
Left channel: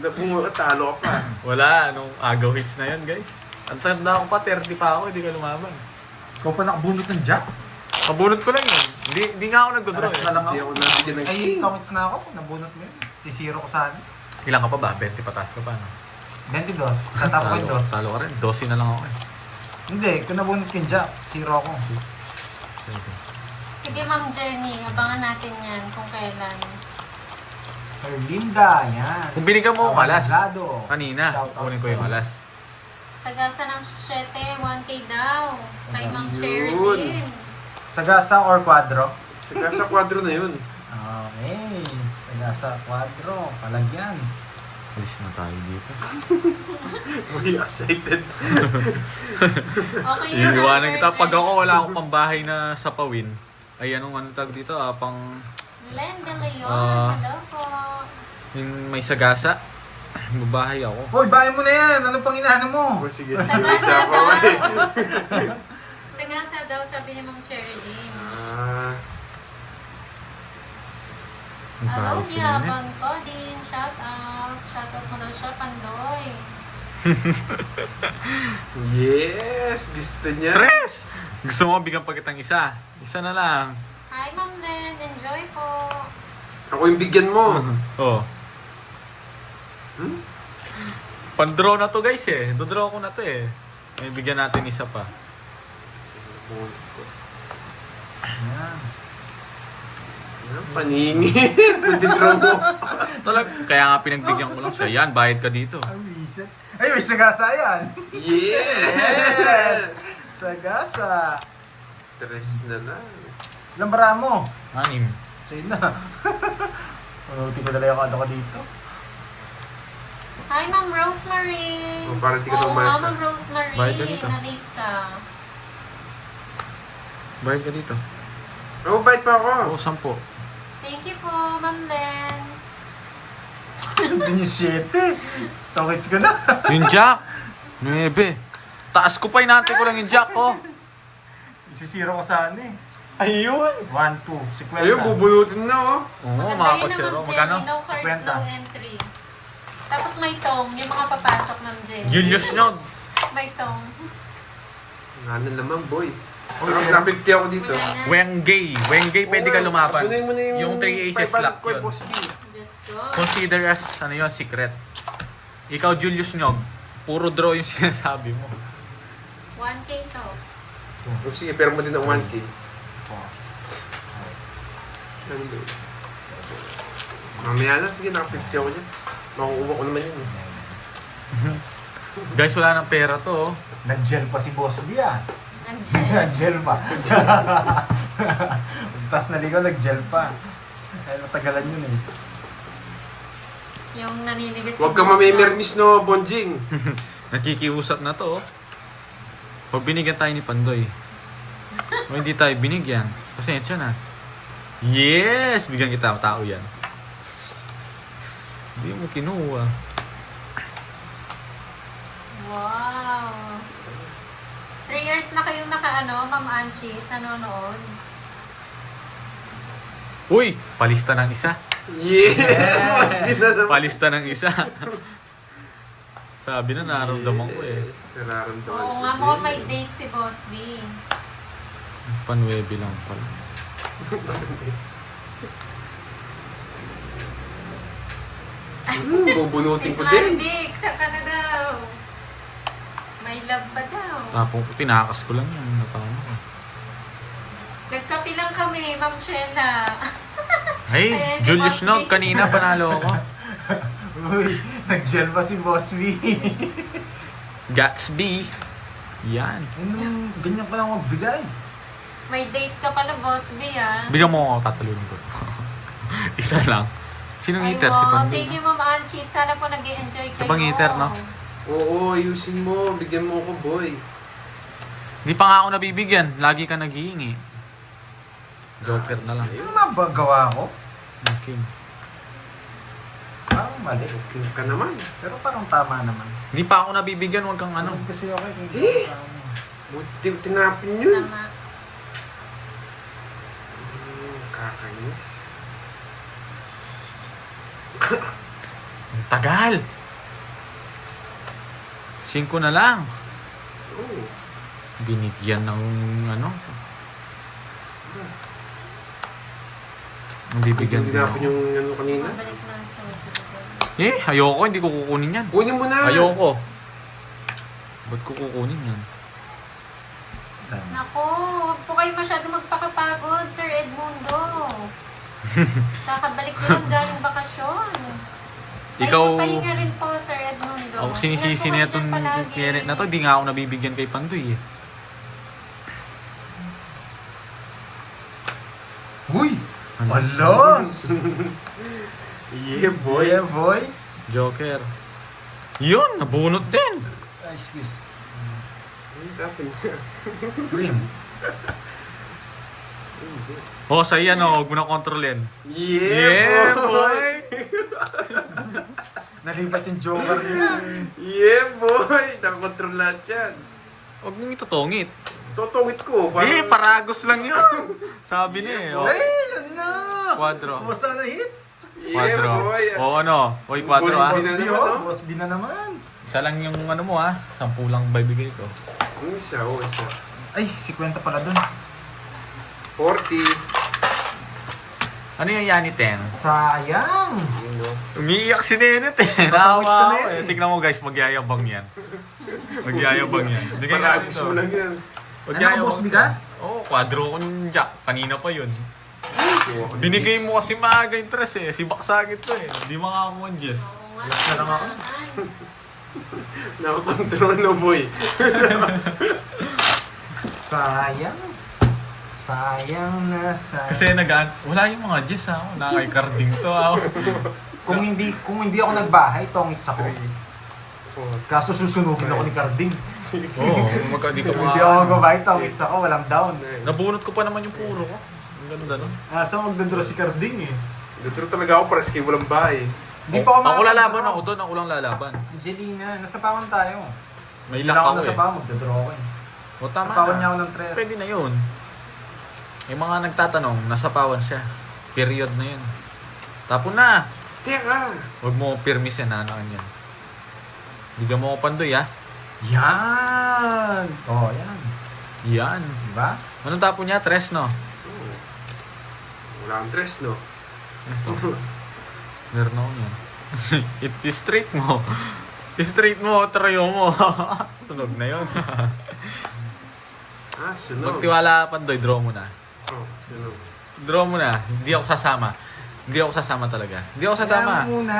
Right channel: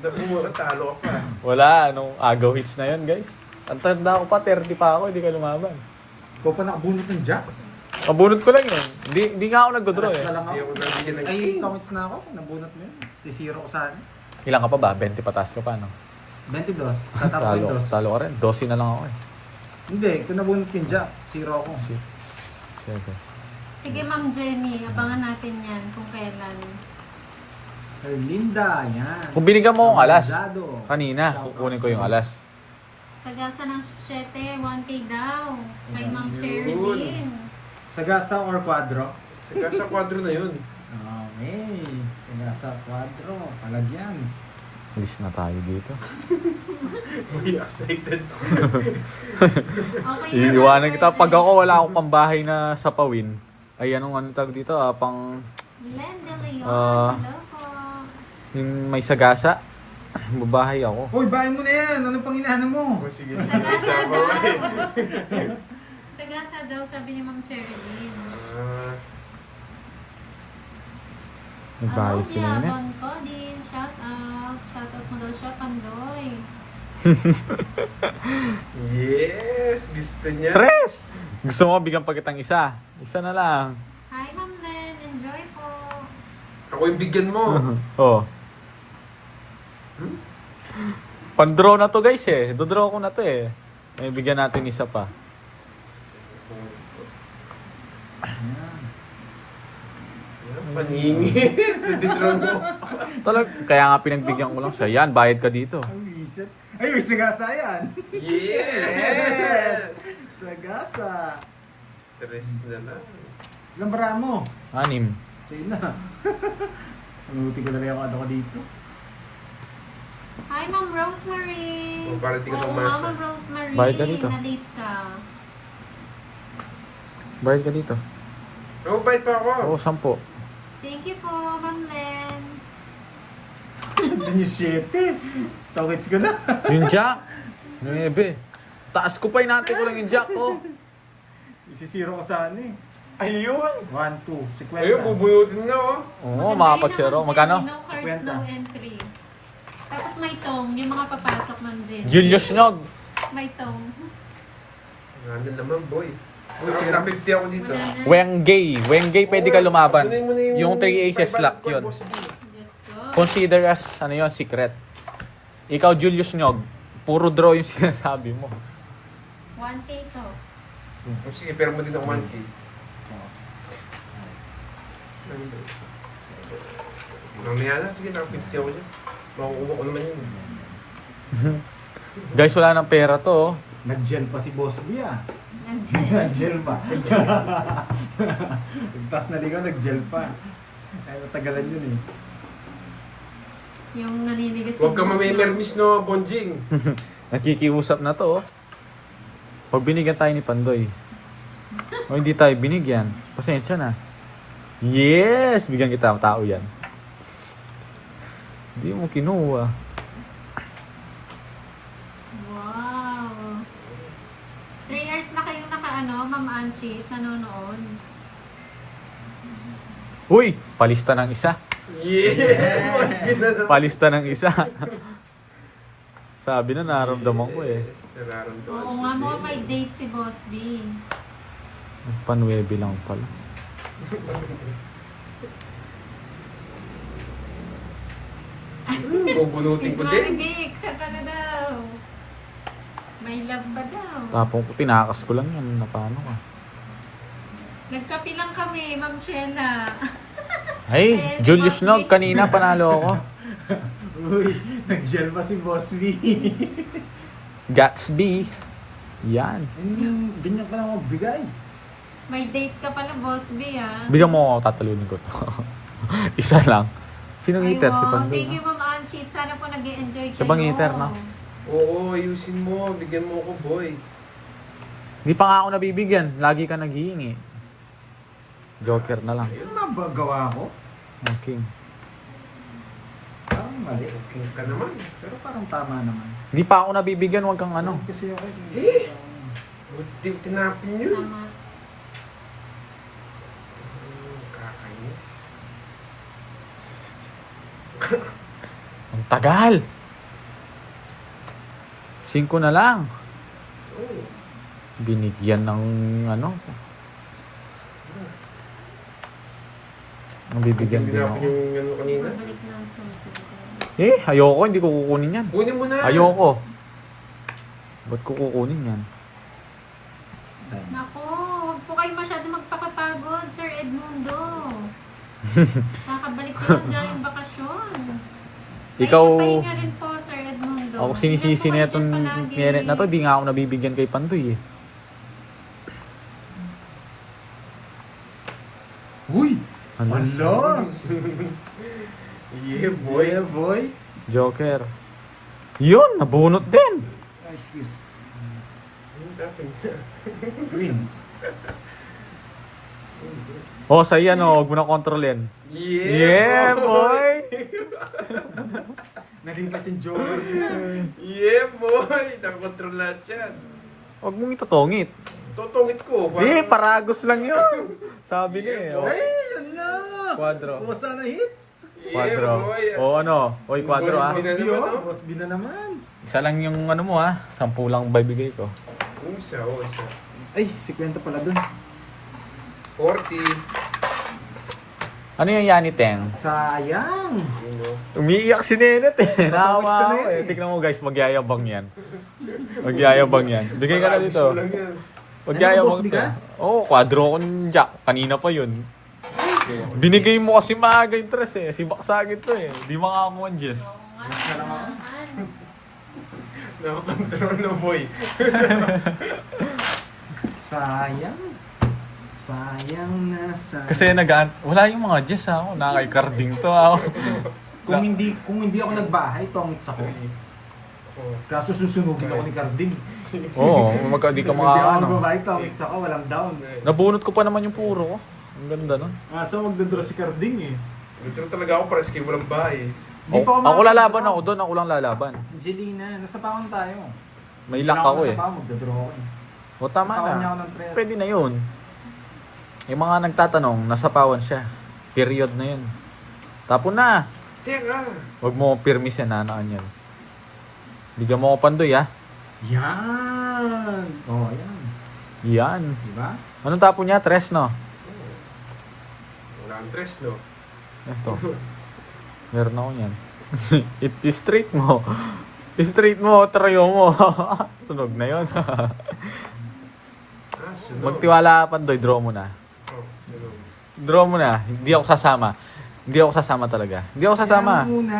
Nabumunot, talo ka pa. Wala, nung agaw hits na yan guys. Ang tanda ko pa, 30 pa ako, hindi ka lumaban. Ikaw pa nakabunot ng jack. Kabunot ko lang yun. Hindi nga ako nag-draw Alas eh. na lang Hindi ako. ako nabigyan ng Ay, king. comments na ako. Nabunot mo yun. T0 ko saan. Ilan ka pa ba? 20 patas ka pa, no? 22. Sa top Talo, point 2. talo ka rin. 12 na lang ako eh. Hindi, kung nabunot ko yung jack, 0 ako. Sige. Sige, Ma'am Jenny. Abangan natin yan kung kailan. Erlinda, yan. Kung binigyan mo akong alas, Abogado. kanina, Shout out kukunin ko sa'yo. yung alas. Sagasa ng 7, 1K daw. Kay Ma'am Yun. Sherilyn. Sagasa or quadro? Saka sa kwadro na yun. Okay. Sagasa, quadro. Palagyan. Alis na tayo dito. Muy excited. Okay yun. Iiwanan Sir kita. Pag Ren. ako wala akong pambahay na sa Pawin, ay anong ano tag dito, pang Len de Leon. Ah. Hello po. yung may sagasa. Babahay ako. Hoy, bahay mo na yan. Anong pang inaano mo? Oh, sige, Sagasa isa ako daw. eh. Sagasa daw, sabi ni Ma'am Sherilyn. Ah, May bahay Hello, sila na. Yaman ko din. Shout out. Shout out mo daw siya, Pandoy. yes! Gusto niya. Tres! Gusto mo bigyan pa kitang isa? Isa na lang. Hi, Ma'am Len. Enjoy po. Ako yung bigyan mo. Oh. Hmm? Pan-draw na to guys eh. Do-draw ko na to eh. May bigyan natin isa pa. Yan. Paningin. Pwede draw mo. Kaya nga pinagbigyan ko lang siya. Yan, bayad ka dito. Ang reset. Ay, may sagasa yan. Yes! Sagasa. Tres na lang. Ilang bara mo? 6. Sige na. Unuti ko dala yung ano ko dito. Hi, Ma'am Rosemary. Oh, para di ka Oo, namasa. Ma'am Rosemary. Bayad ka dito. Na-late ka. Bayad ka dito. Oh, bait pa ako. Oo, 10. Thank you po, Ma'am Len. 17. Tokits ko na. Yung jack. 9. Taas ko pa, inante ko lang yung jack ko. Isisiro ko saan eh. Ayun. 1, 2, 50. Ayun, bubunutin na oh. Oo, Maganda mga yun pagsero. ng Magkano? Jenny, no cards, 50. no entry. Tapos may tong, yung mga papasok ng Jenny. Julius Nyog. May tong. Ano naman, boy. Pero na-50 ako dito. Wala na. Wengay pwede ka lumaban. Kunin mo na Yung 3 aces 500 lock ko, yun. boss B. Just go. Consider as, ano yun, secret. Ikaw, Julius Nyog, puro draw yung sinasabi mo. 1K to. Oh, sige, pero mo din ng 1K. Mamaya na, sige, naka-50 ako dyan. Makukuha ko naman yun. Guys, wala ng pera to. Oh. Nag-gel pa si Boss B ah. Nandiyan. Nag-gel pa. Tas naligaw, nag-gel pa. Ay, matagalan yun eh. Yung naninigas Huwag ka mamimirmis no, Bonjing. Nakikiusap na to. Oh. Pag binigyan tayo ni Pandoy. O hindi tayo binigyan. Pasensya na. Yes! Bigyan kita ang tao yan. Hindi mo kinuha. Wow. 3 years na kayong naka-ano, Ma'am Anchi, nanonood. Uy! Palista ng isa. Yes! Palista ng isa. Sabi na, naramdaman ko eh. Yes, nararamdaman. Oo nga, mukhang may date si Boss B. Panwebe lang pala. Bubunutin Miss ko din. Maribik, saan ka na daw? May love ba daw? Tapong ko, tinakas ko lang yan. Napano ka. Nagkapi lang kami, Ma'am Shena. Hey, Ayan, si Julius Boss Nog, B. kanina panalo ako. Uy, nag-gel pa si Boss B. Gatsby. Yan. Ganyan pa lang magbigay. May date ka pala, Boss B, ah. Bigyan mo ako, tatalunin ko to. Isa lang. Sinong Ay, eater? Si mo. Pandoy, Thank you, no? Ma'am Anchi. Sana po nag-i-enjoy kayo. Sa bang eater, no? Oo, ayusin mo. Bigyan mo ako, boy. Hindi pa nga ako nabibigyan. Lagi ka naghihingi. Joker na lang. Yung nga ba gawa ko? Okay. Parang mali. Okay ka naman. Pero parang tama naman. Hindi pa ako nabibigyan. Huwag kang ano. Kasi okay. Eh! Buti tinapin yun. Tama. Nakakainis. Ang tagal. 5 na lang. Oo. Binigyan ng ano. Ang bibigyan din Tinapin ako. yung ano kanina. Balik na sa... Eh, ayoko. Hindi ko kukunin yan. Kunin mo na. Ayoko. Ba't ko kukunin yan? Naku, huwag po kayo masyado magpakapagod, Sir Edmundo. Kakabalik ko lang galing bakasyon. Ikaw, Pahinga rin po, Sir Edmundo. ako sinisisi na Ingat po itong kayo dyan palagi. nyenet na to. Di nga ako nabibigyan kay Pandoy eh. Uy! Ano? Alos! Yeah, boy. Yeah, boy. Joker. Yun, nabunot din. Excuse. Tapin. Green. Oh, sa yan oh, huwag mo na kontrolin. Yeah, boy. Nalipat yung joker niya. Yeah, boy. Nakakontrol lahat yan. Huwag mong itutungit. Totongit ko. Eh, paragos lang yun. Sabi ni eh. Oh. Ay, yun na! Quadro. Pusa na hits! Quadro. boy. O ano? Oy, quadro ah. Boss B, naman, oh. no? Boss B na naman. Isa lang yung ano mo ah. 10 lang bibigay ko. Ano siya? Oo, isa. Ay, 50 pala dun. 40. Ano yung Yaniten? Sayang! Yun, no? Umiiyak si Nenet eh. Nakawa ako Nenet eh. eh. Tignan mo guys, magyayabang yan. Magyayabang yan. Bigyan ka na Paragos dito. mo lang yan. Magyayabang Boss B ka? Oo, quadro ko ng Jack. Kanina pa yun. Binigay mo kasi maaga yung tres eh. Si Baksagit to eh. Hindi makakakuha ang Jess. Oo nga, Last na lang ako. naman. Nakakontrol na, boy. Sayang. Sayang na sayang. Kasi wala yung mga Jess ha. Wala kay carding to ha. Kung hindi ako nagbahay, tongits ako. Oh. Kaso susunugin ako ni Carding. Oo, di ka Kung hindi ako mga... magbabahay, tongits ako, walang down. Nabunot ko pa naman yung puro ko. Ang ganda nun. So magdodro si Carding eh. Dito talaga ako para skip walang bahay. Hindi pa Ako lalaban makakadraw. ako doon, ako lang lalaban. Angelina, nasa paon tayo. May Hindi lock lang ako nasa eh. paon, magdadraw ko eh. O tama Sa paon niya na. ako ng 3. Pwede na yun. Yung mga nagtatanong, nasa pawan siya. Period na yun. Tapon na. Teka! Huwag mo pirmisin na anak niyan. Bigyan mo ko pandoy ha. Yan! Oh, yan. Yan. Diba? Anong tapon niya? Tres no? Wala kang tres, no? Ito. Meron ako niyan. Straight mo. Straight mo, trayo mo. Sunog na yun. Sunog. Magtiwala ka pandoy, draw mo na. Oh, sunog. Draw mo na. Hindi ako sasama. Hindi ako sasama talaga. Hindi ako sasama. Kaya muna.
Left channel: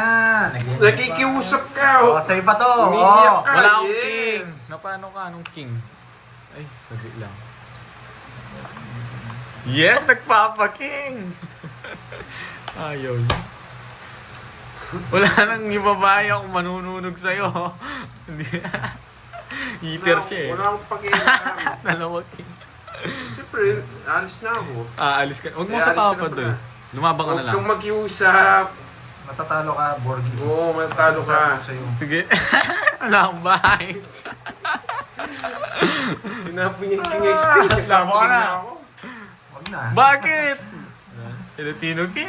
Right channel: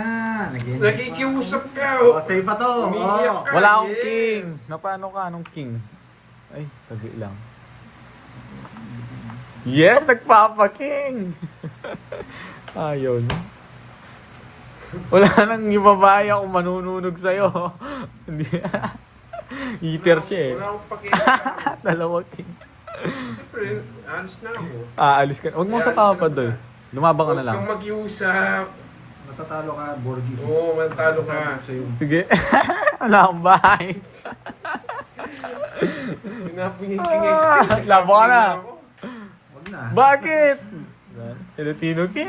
Nakikiusap ka! Oh, sa'yo pa to. Umiiyak Oh. ka. Wala akong Yes. king. Napano ka? Anong king? Ay, sagi lang. Yes, nagpapa-king! Ayaw niya. Wala nang ibabay ako manununog sa'yo. Hindi. Eater siya eh. Wala akong pakialam. Dalawang king. Siyempre, alis na ako. Aalis ka. Huwag mo Ay, sa alis ka papa na doy. pala. Lumabang ka na Huwag lang. kang mag-iusap. Matatalo ka, Borgi. Oo, matatalo ka. Sige. Wala akong bahay. Pinapingin kingay space. Labo ka na. Huwag na. Bakit? Filipino king.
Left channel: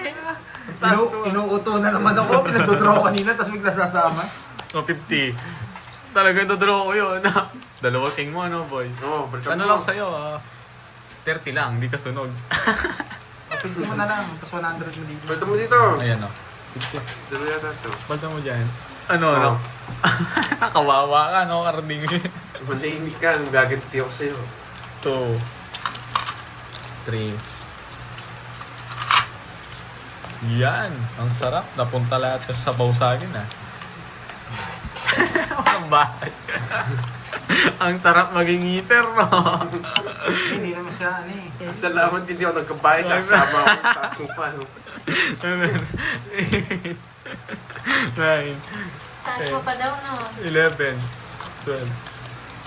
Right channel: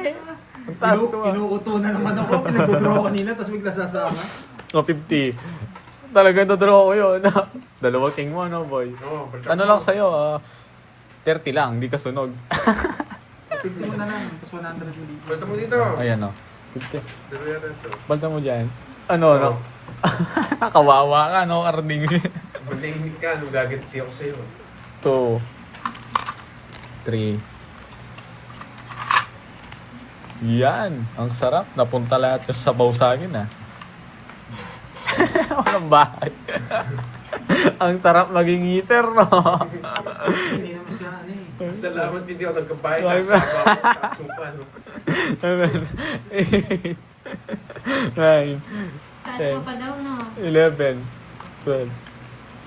Ang taas ko ah. Inuuto na naman ako. Pinagdodraw kanina, tapos bigla sasama. O 50. Talagang dodraw ko yun. Dalawa king mo, ano boy? Oo, balikan Ano mo. lang sa'yo, 30 lang, hindi ka sunog. 50 mo na lang, tapos 100 mo dito. Balta mo dito. Ayan o. 50. Dalawa yata ito. Banta mo dyan. Ano, no? Kawawa ka, no? Arning. Malahimik ka. Magaganti ako sa'yo. 2. 3. Yan. Ang sarap. Napunta lahat sa sabaw sa akin, ah. Walang bahay. Ang sarap maging eater, no? Hindi naman siya, ano eh. Salamat hindi ako nagkabayad sa asama ko. Taas mo pa, no? 9. Taas mo pa daw, no? 11. 12.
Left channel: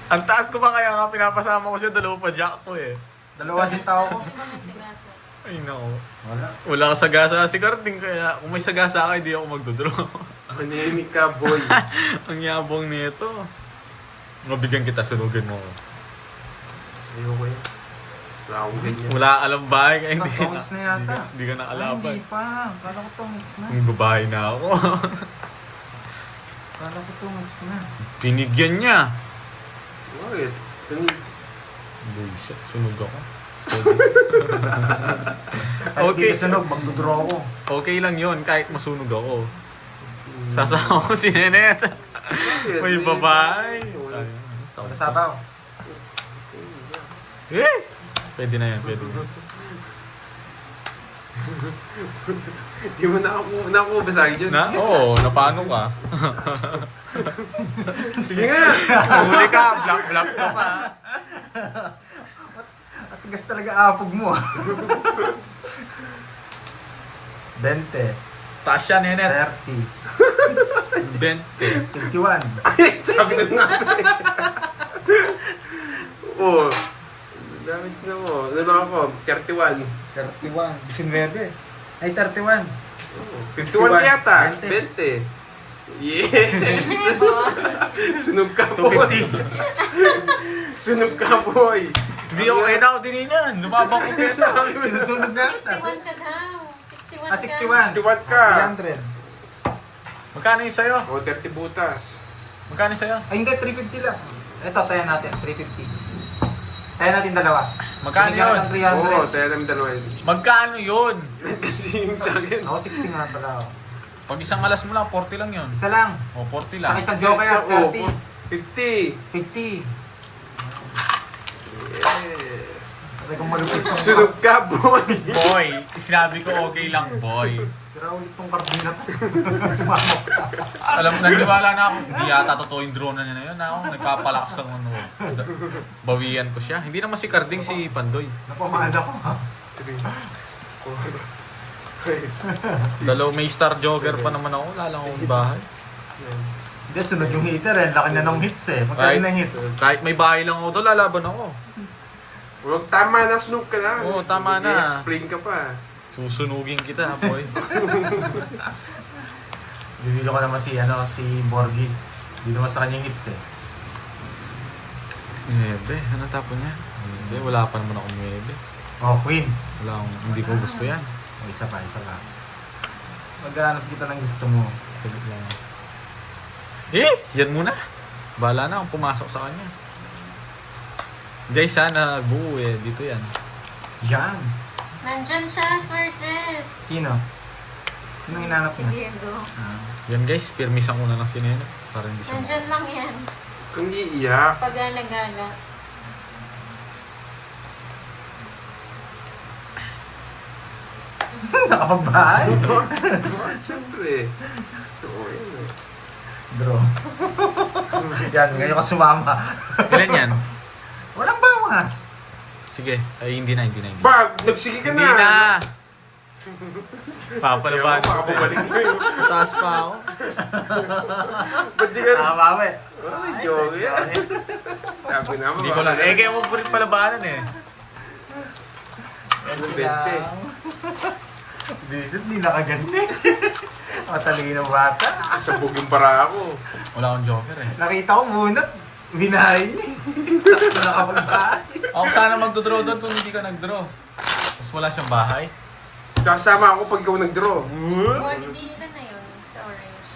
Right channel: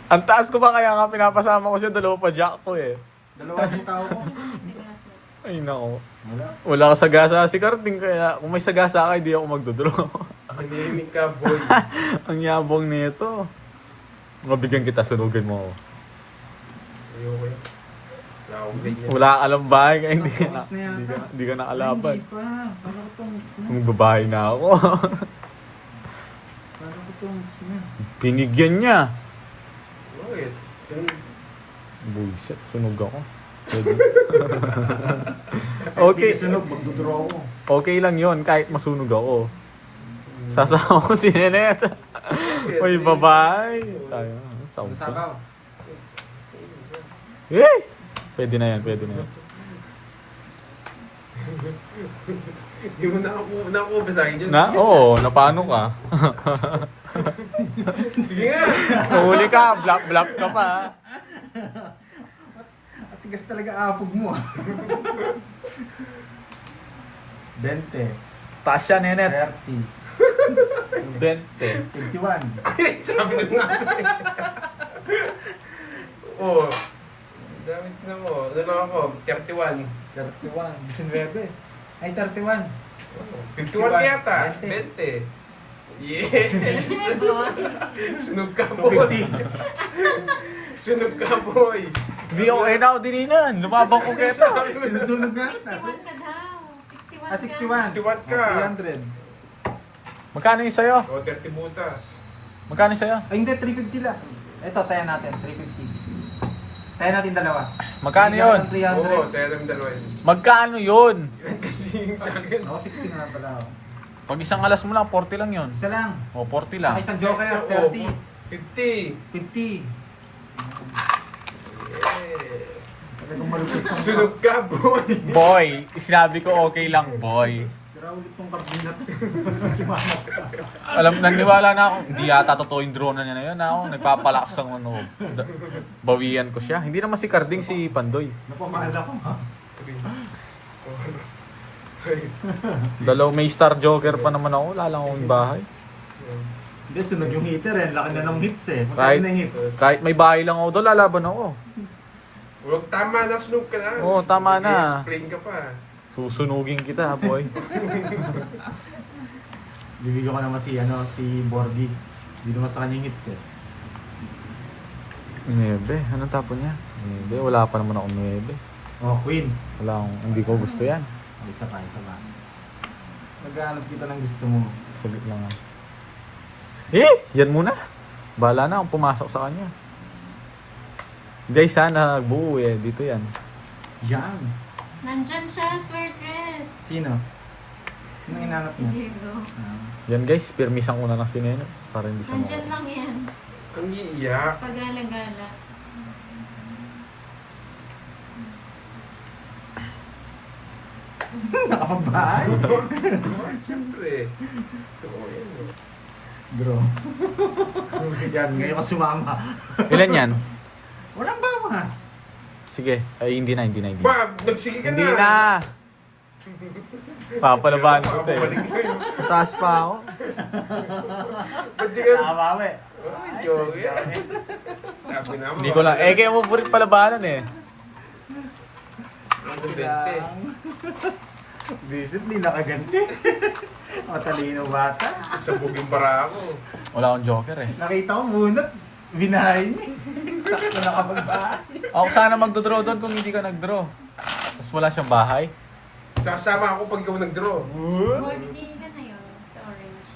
Ang taas ko ba kaya nga pinapasama ko siya, dalawa pa jack ko eh. Dalawa din tao ko. Taas mo ba masigasa? Ay nako. Wala. Wala ka sagasa si Carding kaya kung may sagasa ka, hindi ako magdodraw. Manahimik ka, boy. Ang yabong nito. Mabigyan kita, sunugin mo. ako. Ayoko na. Wala akong ganyan. Wala alam bahay ka, hindi Tongits na yata. Hindi ka Ay, nakalaban. hindi pa. Kala ko tongits na. Ang babae na ako. Kala ko tongits na. Pinigyan niya. Bakit? Buisit, sunog ako. Okay. Okay. Hindi sunog, magdodraw ko. Okay lang yon kahit masunog ako. Sasama ko si Nenet. May babae. Sayang. Sound pa. Nasabaw. Eh! Pwede na yan, pwede na yan. Di mo nakuha sa akin yun. Na? Oo, napano ka? Sige nga! Huli ka, black ka pa. At tigas talaga apog mo ah. 20, Taas siya, Nenet. 30, 20. 51. Sabi na natin. Oo. Damit na mo. Ano lang ako? 31. 31, 19. Ay, 31. 51 yata. 20. 20. Yes! Sunog ka, boy. 250. Sunog ka, boy. Hindi ako na ako din yan. Lumabang ko gusto. Sinusunog na. 61 ka daw. 61 Ah, 61. 61 ka. 300. Magkano yung sa'yo? O, 30 butas. Magkano yung sa'yo? Ay, hindi, 350 lang. Ito, tayo natin, 350. Tayo natin dalawa. Magkano Bigyan yun? ka ng Oo, 300. tayo namin dalawa yun. Magkano yun? Kasi yung sa akin. Ako, 60 nga pala ako. Pag isang alas mo lang, 40 lang yun. Isa lang. O, 40 lang. Saka isang joker, Oo, 30. 50. 50. Yes. Sabi kong malupit to. Sunog ka, boy. Boy, sinabi ko okay lang, boy. Sira ulit tong karbin na to. Sumama ka. Alam mo, nagniwala na ako. Hindi yata totoo yung drone na niya na yun. Ako, nagpapalakas ng ano. Bawian ko siya. Hindi naman si Carding, si Pandoy. Napamahal ako ha. Dalaw may star joker pa naman ako. Wala lang akong bahay. Hindi, sunod yung hitter eh. Laki na ng hits eh. Magkano ng hits? Kahit may bahay lang ako doon, lalaban ako. Huwag tama na, sunog ka na. Oo, tama na. I-explain ka pa. Susunugin kita, boy. Bibilo ko naman si Borgi. Hindi naman sa kanyang hits eh. 9. Anong tapo niya? 9. Wala pa naman ako 9. Oh, Queen. Wala akong, hindi ko gusto yan. Oh, isa pa. Maghanap kita ng gusto mo. Sagot lang. Yan muna. Bahala na akong pumasok sa kanya. Guys, sana buo dito yan. Yan. Nandyan siya, Swertres. Sino? Sino hinanap mo? Diego. Yan guys, pirmis ang una ng sineno. Para hindi siya Nandyan lang yan. Kung iiyak. Pagala-gala. Nakapagbahay. Siyempre. Oo, yun eh. Draw. Yan, ngayon ka sumama. Ilan yan? Walang bawas. Sige. Ay, hindi na. Bag! Nagsige ka Hindi na! na! Papalabahan ko to eh. Makakabalik kayo. Taas pa ako. Ba't di ka... Nakapama eh. Ay, joke yan. Sabi naman. Hindi ko lang. Kaya mo po rin palabanan eh. Visit, hindi nakaganti. Matalino bata. Sabog yung bara ako. Wala akong joker eh. Nakita ko bunot. Binahay niya. Sakto nakapagbahay. Ako sana magdodraw doon kung hindi ka nagdraw. Tapos wala siyang bahay. Kasama ako pag ikaw nag-draw. Gold, hindi ilan na yun sa orange.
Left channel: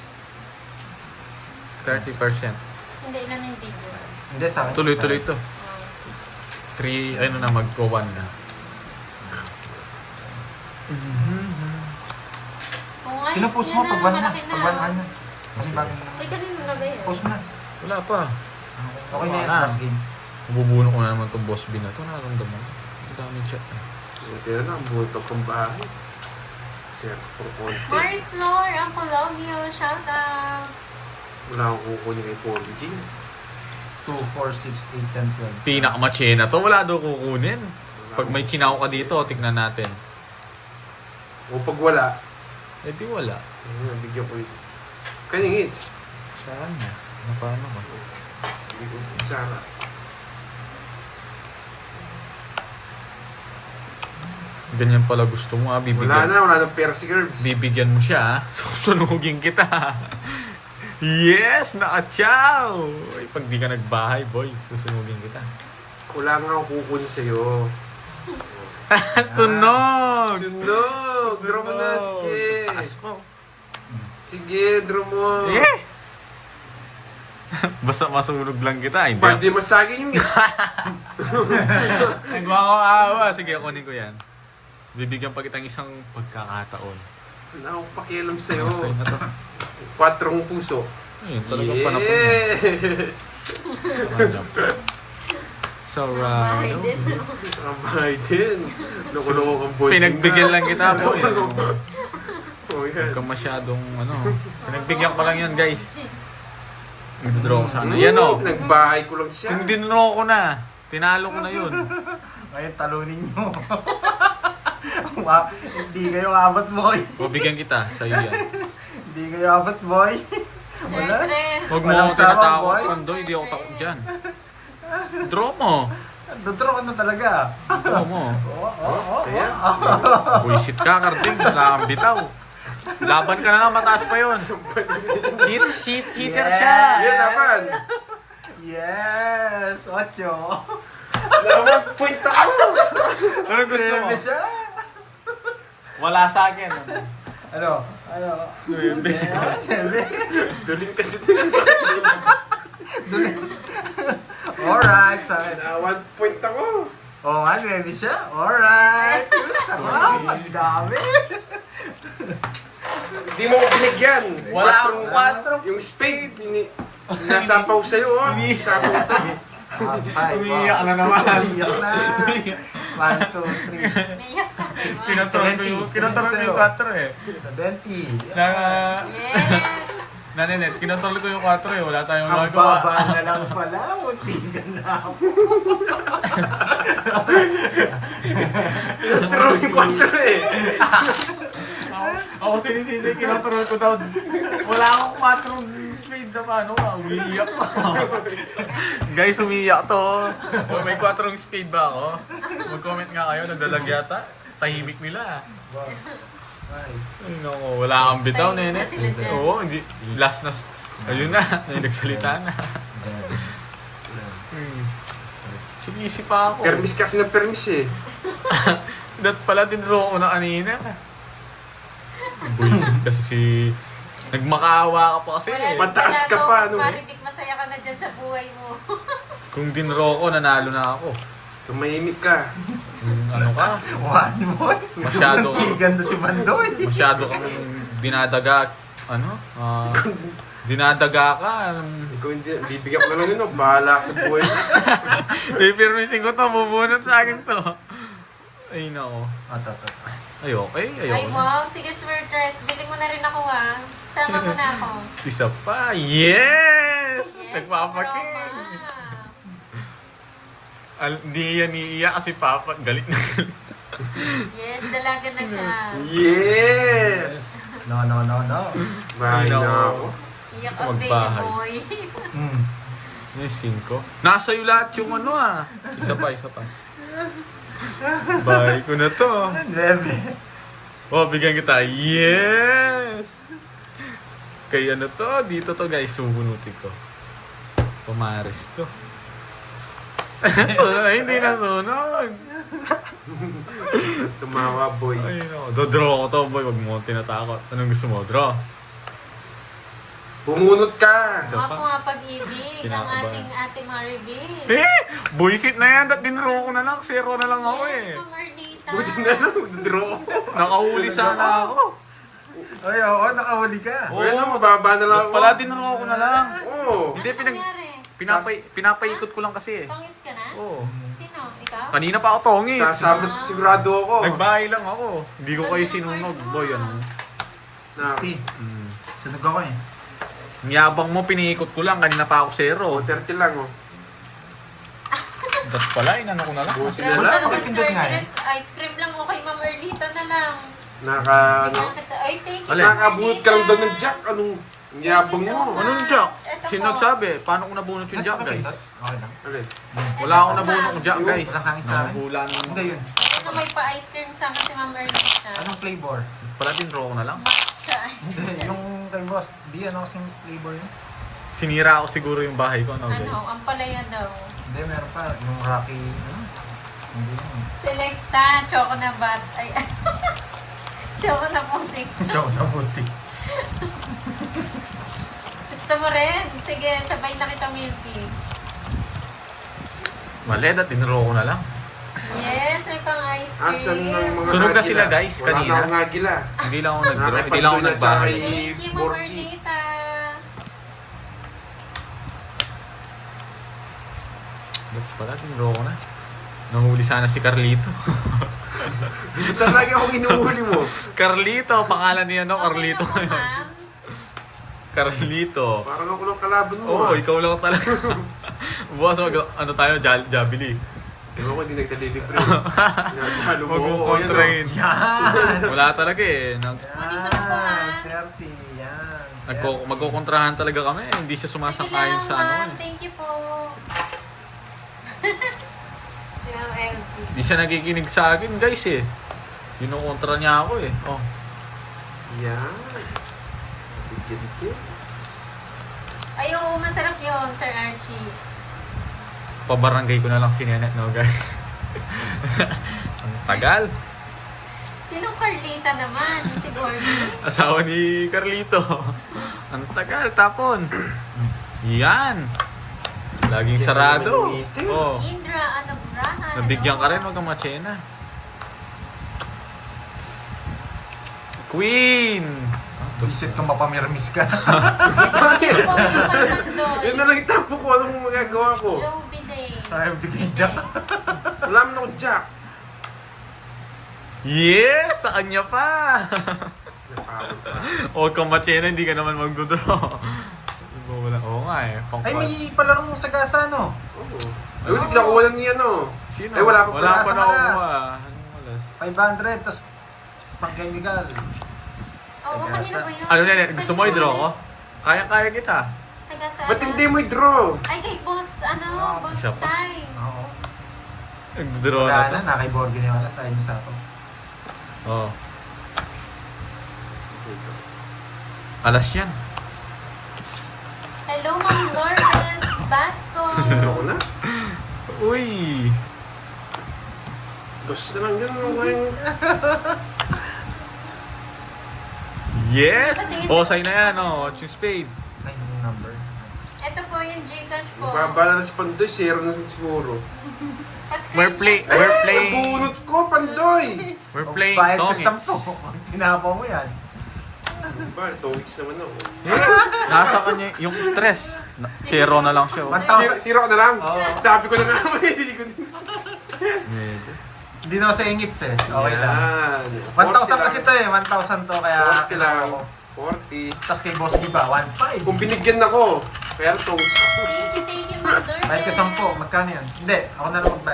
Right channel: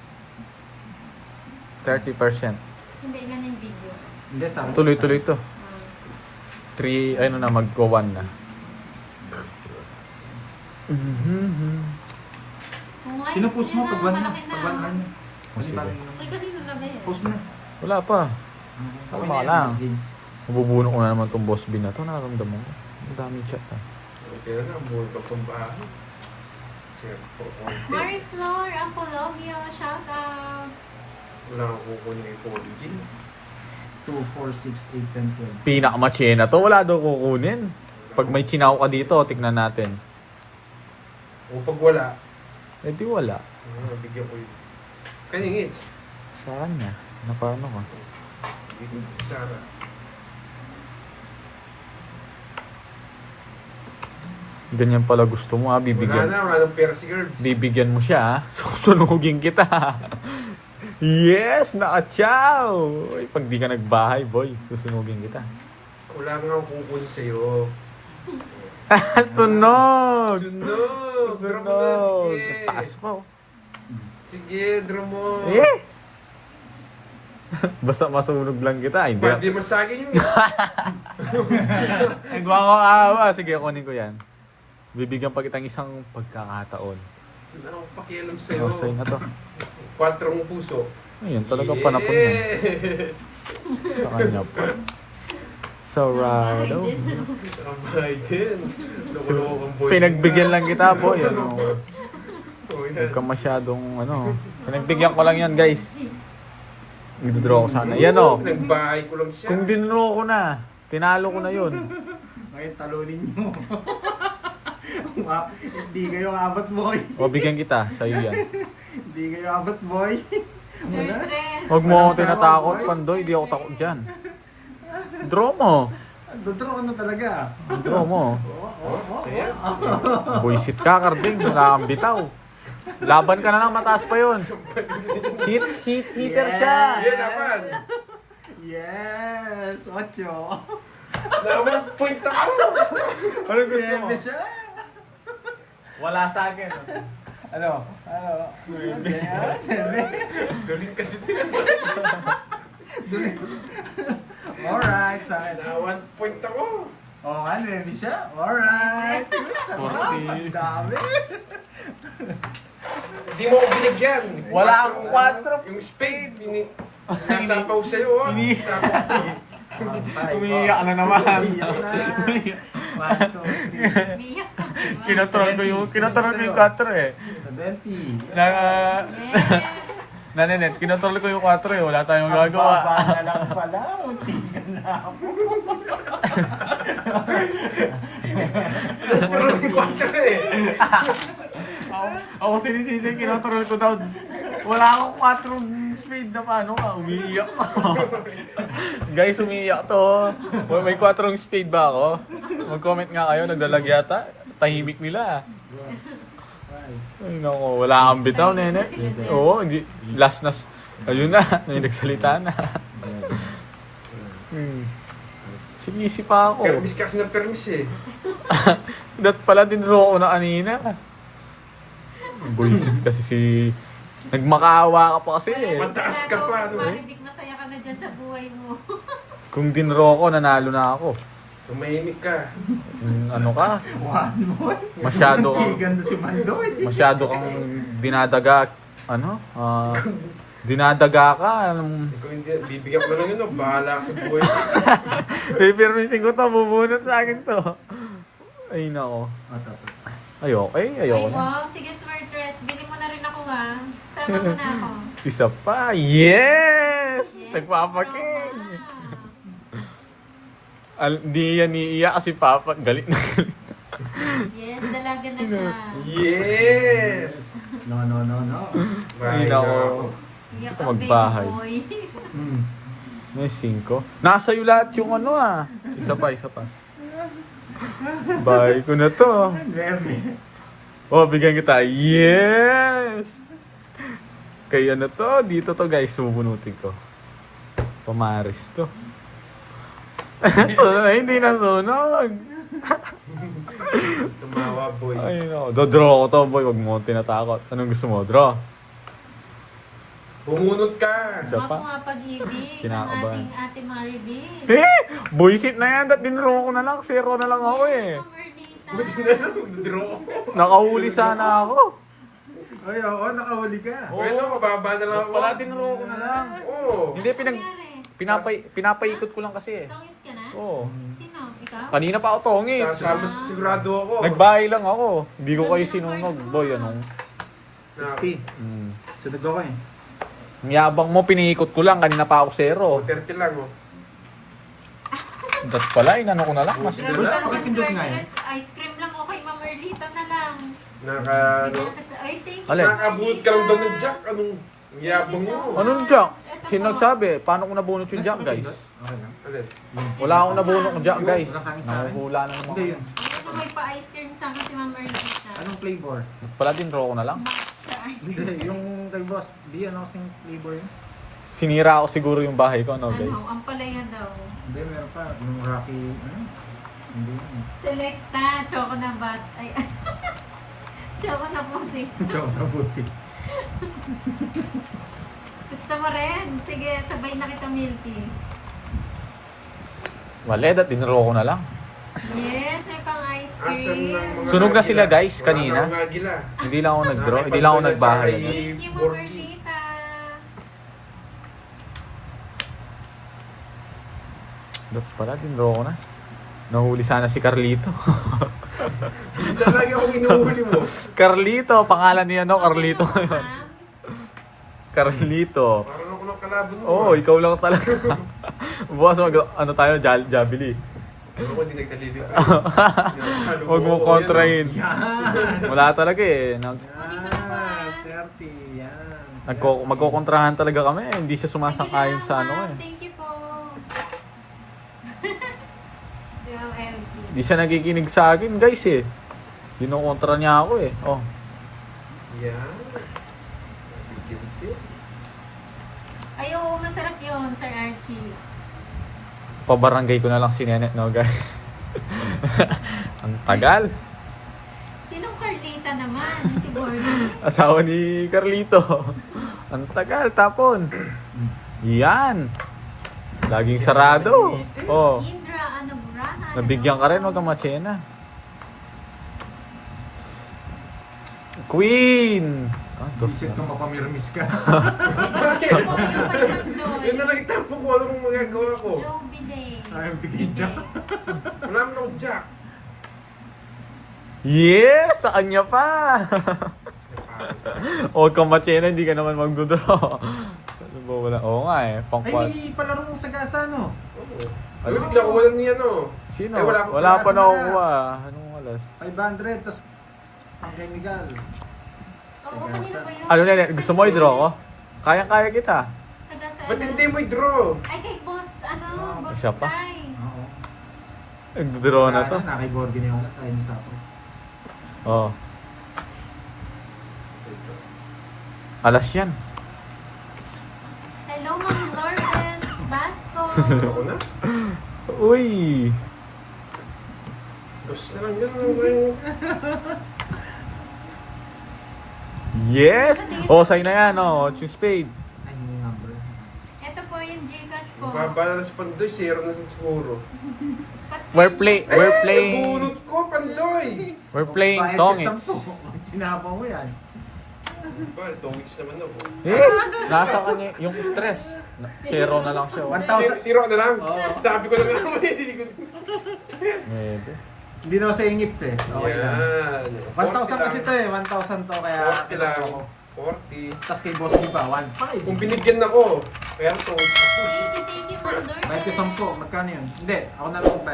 30%. Hindi ilan yung video. Hindi, sa akin. Tuloy-tuloy to. 3, ano na, magko-1 na. Kung ayos Pinupost mo, yan na, pag-1 na. malaki na. Pag-1 na. Ay, kami nalagay. Post mo na. Wala pa. Okay na yan, Wala. last game. Mabubuno ko na naman tong boss bin na to. Nararamdaman ko. Ang daming chat ah. Okay na lang, buto kong bahay. Sir, proponte. Marie Flor, Uncle Logio, shout out. Wala akong kukunin kay Paul G. 2, 4, 6, 8, 10, 12. Pinakamachena to. Wala daw kukunin. Pag may chinaw ka dito, tignan natin. O pag wala, Eh di wala. bigyan ko yun. Kanyang hits. Saan na? Napano ka? Bigyan ko Sara. Ganyan pala gusto mo Wala bibigyan. na, wala nang pera si Gerbs. Bibigyan mo siya Susunugin kita. Yes! Naka-chow! Uy, pag di ka nagbahay, boy, susunugin kita. Wala nga akong kukunin sa'yo. Sunog! Sunog! Draw mo na, sige. Taas pa oh. Sige, draw mo. Eh! Basta masunog lang kita. Hindi Ba't di masagin yung hits? Nagwawakawa. Sige, kunin ko yan. Bibigyan pa kitang isang pagkakataon. Wala akong pakialam sa'yo. Ano sa'yo na to? 4 puso. Ayun, talagang panapon na. Yes! Sa kanya po. Sarado. Abay din. Loko-loko kang boy. Pinagbigyan lang kita po. Yan, oh. Oh, Huwag yan. ka masyadong ano. Pinagbigyan ko lang yan guys. Nagdraw ko sana. Yan o. Nagbahay ko lang siya. Kung dinraw ko na, tinalo ko na yun. Ngayon, talunin nyo. Hindi kayo abot, boy. O bigyan kita, sa'yo yan. Hindi kayo abot, boy. Wala. Swertres. Huwag mo Walang akong tinatakot, sama, boy. Pandoy. Di ako takot dyan. Draw mo. Dodraw ka na talaga. Draw mo. Ayan. Buisit ka, Carding. Nakakambitaw. Laban ka na lang, mataas pa yun. Hitter siya. Yan naman. Yes! Ocho. Na 1 point ako. Ano gusto mo? Bebe siya. Wala sa akin. Ano? Bebe. Bebe. Duling kasi ito. Alright, sa akin. Na 1 point ako. Oo nga, bebe siya. Alright. Sarap. Ang dami. Hindi mo ko binigyan. Wala akong 4. Yung spade, sinasapaw sa'yo. Sapaw to. Umiiyak na naman. Umiiyak na. 1, 2, 3. Umiyak ka. Pinaturo ko yung 4 eh. 70. Yes. Nanenet, kinatol ko yung 4 eh. Wala tayong Ang magawa. baba na lang pala. Munti ka na ako. Pero yung kontra eh. Ako sinisisi, kinatrol ko daw. Wala akong 4 speed na paano ka. Umiiyak ko. Guys, umiiyak to. May 4 speed ba ako? Mag-comment nga kayo, nagdalag yata. Tahimik nila. Ay, naku, wala kang bitaw, Nene. Oo, hindi. Last na. Ayun na, may nagsalita na. Sinisi pa ako. Permis kasi na permis eh. Dat pala din ko na kanina. Buisit kasi si... Nagmakaawa ka pa kasi eh. Mataas ka pa, ano eh. Marinig, masaya ka na dyan sa buhay mo. Kung dinro ko, nanalo na ako. Tumahimik ka. Ano ka? One more. Masyado. Ganda si Bandoy. Masyado kang dinadaga. Ano? Dinadaga ka. Kung hindi, bibigyan ko na lang yun, bahala ka sa buhay. Pipirmisin ko to, bubunot sa akin to. Ay nako. Ayoko Ay, na. wow. Sige, Swertres. Bili mo na rin ako, ha. Sama mo na ako. Isa pa. Yes! Yes, Nagpapakin. Roma. Di yan iiyak kasi Papa. Galit na galit. Yes, dalaga na siya. Yes! No. Bahala Ay, ako. Iyak Ako ang baby magbahay. boy. May 5. Nasa iyo lahat yung ano ah. Isa pa. Bye ko na to. Neve. Oh, bigyan kita. Yes! Kaya ano to? Dito to guys. Subunutin ko. Pumares to. Ay, hindi na sunog. Tumawa, boy. Ay, no. Draw ko to, boy. Huwag mo tinatakot. Anong gusto mo? Draw. Bumunot ka! Isa pa? Ako nga pag-ibig ang Kinakabahan. ating Ate Maribel. Boysit na yan. Dat dinro ko na lang. 0 na lang ako eh. Marlita. Buti na lang, draw ko. Nakahuli sana ako. Ay, oo, nakahuli ka. Oo. Bueno, mababa na lang ako. Pala dinro ko na lang. Oo. Hindi, pinapaikot ko lang kasi eh. Tangits ka na? Oo. Sino? Ikaw? Kanina pa ako tongits. Sasabot sigurado ako. Nagbahay lang ako. Hindi ko kayo sinunog. Boy, ano? 60. Sunog ako eh. Ang yabang mo, piniikot ko lang. Kanina pa ako 0. 30 lang, oh. Das pala, inano ko na lang. Grabe Boys, ka naman, pakipindot nga Swertres. Ice cream lang ako kay Mamerlita na lang. Ano? Ay, thank you. Alin? Nakabuhat ka lang doon ng jack. Anong yabang mo? Anong jack? Sino nagsabi? Paano ko nabunot yung jack, guys? Okay lang. Alin? Wala akong nabunot ng jack, guys. Nanguhula na naman. Hindi yun. Ano may pa-ice cream sa akin si Mamerlita? Anong flavor? Pala din, draw ko na lang. Matcha ice Hindi, cream. yung kay boss. Di, ano kasing flavor yun? Sinira ako siguro yung bahay ko, no, Ano, guys? ang palaya daw. Hindi, meron pa. Yung Rocky, hindi yun. Selecta, choco na bat. Ay, choco na putik. Chow na puti. Gusto mo rin? Sige, sabay na kita milky. Mali, dat dinro ko na lang. Yes, may pang ice cream. Asan ng mga Sunog na agila? sila, guys, Wala kanina. na akong agila. Hindi lang ako nag-draw. Hindi lang ako nagbahay. Thank you, Borgi. Mamerlita. Ba't pala, dinro ko na. Nahuli sana si Carlito. Hindi talaga akong inuhuli mo. Carlito, pangalan niya, no? Carlito Okay ngayon. lang, ma'am. Carlito. Parang ako lang kalaban mo. Oo, ikaw lang talaga. Bukas ano tayo, Jabili. Ewan ko, hindi nagtalilibre. Huwag mo kontrahin. Yan! Wala talaga eh. Yan! 30, yan. Magkokontrahan talaga kami. Hindi siya sumasang-ayon Sige sa lang, ano ma'am. eh. Thank you po. Si Ma'am LP. Hindi siya nagiginig sa akin guys eh. Kinukontra niya ako eh. Oh. Yan. Bigyan ko. Ay, oo, masarap yun, Sir Archie. Pabarangay ko na lang si Nene, no guys. Tagal. Sinong Carlita naman? Si Borgie? Asawa ni Carlito. Ang tagal, tapon. Yan. Laging sarado. Oh. Indra, ano, Braha? Nabigyan ka rin, huwag kang matsena. Queen! Visit ka, mapamirmis ka. Yun na lang itapo ko. Anong magagawa ko? Joe Bidet. Ayaw bigyan jack. Wala naman ako jack. Yes! Sa kanya pa! Huwag kang matsena, hindi ka naman magdodraw. Oo nga eh, pang Ay, may palarong sagasa, no? Oo. Ay, hindi nakuha lang niya, no? Sino? Ay, wala pa Wala pa sa nakukuha. Anong walas? 500, tapos pang-chemical. Oo, kanina ba yun? Ano na, gusto mo i-draw ko? Kaya-kaya kita. Sagasana. Ba't hindi mo i-draw? Ay, kay boss, ano, boss Isa pa? time. Oo. Nag-draw na Wala to. na, nakay Borgi na wala sa inyo sa ako. Oh. dito. Alas yan. Hello, Ma'am Lourdes Basco. Ako na. Uy! Dos na lang yan. Yes! Oh, sign na yan, oh. Watching spade. Ay, yung number. Ito po yung Gcash po. Mababa na si Pandoy, zero na siguro. We're playing. Nabunot ko, Pandoy! We're playing Bayad ka Tongits. 10. Sinapaw mo yan. Ba, tongits naman ako. Nasa kanya yung stress. Zero na lang siya. Oh. 1,000. Zero ka na lang. Oo. Sabi ko na nga, hindi ko Medyo. Hindi na sa ingits eh. Okay lang. 1,000 kasi to eh. 1,000 to kaya 40 lang. 40. Tapos kay Boss B pa, 1,500. Kung binigyan ako, kaya tongits ako. Thank you, Ma'am Lourdes. Kahit ka 10, magkano yun? Hindi, ako na lang magbayad.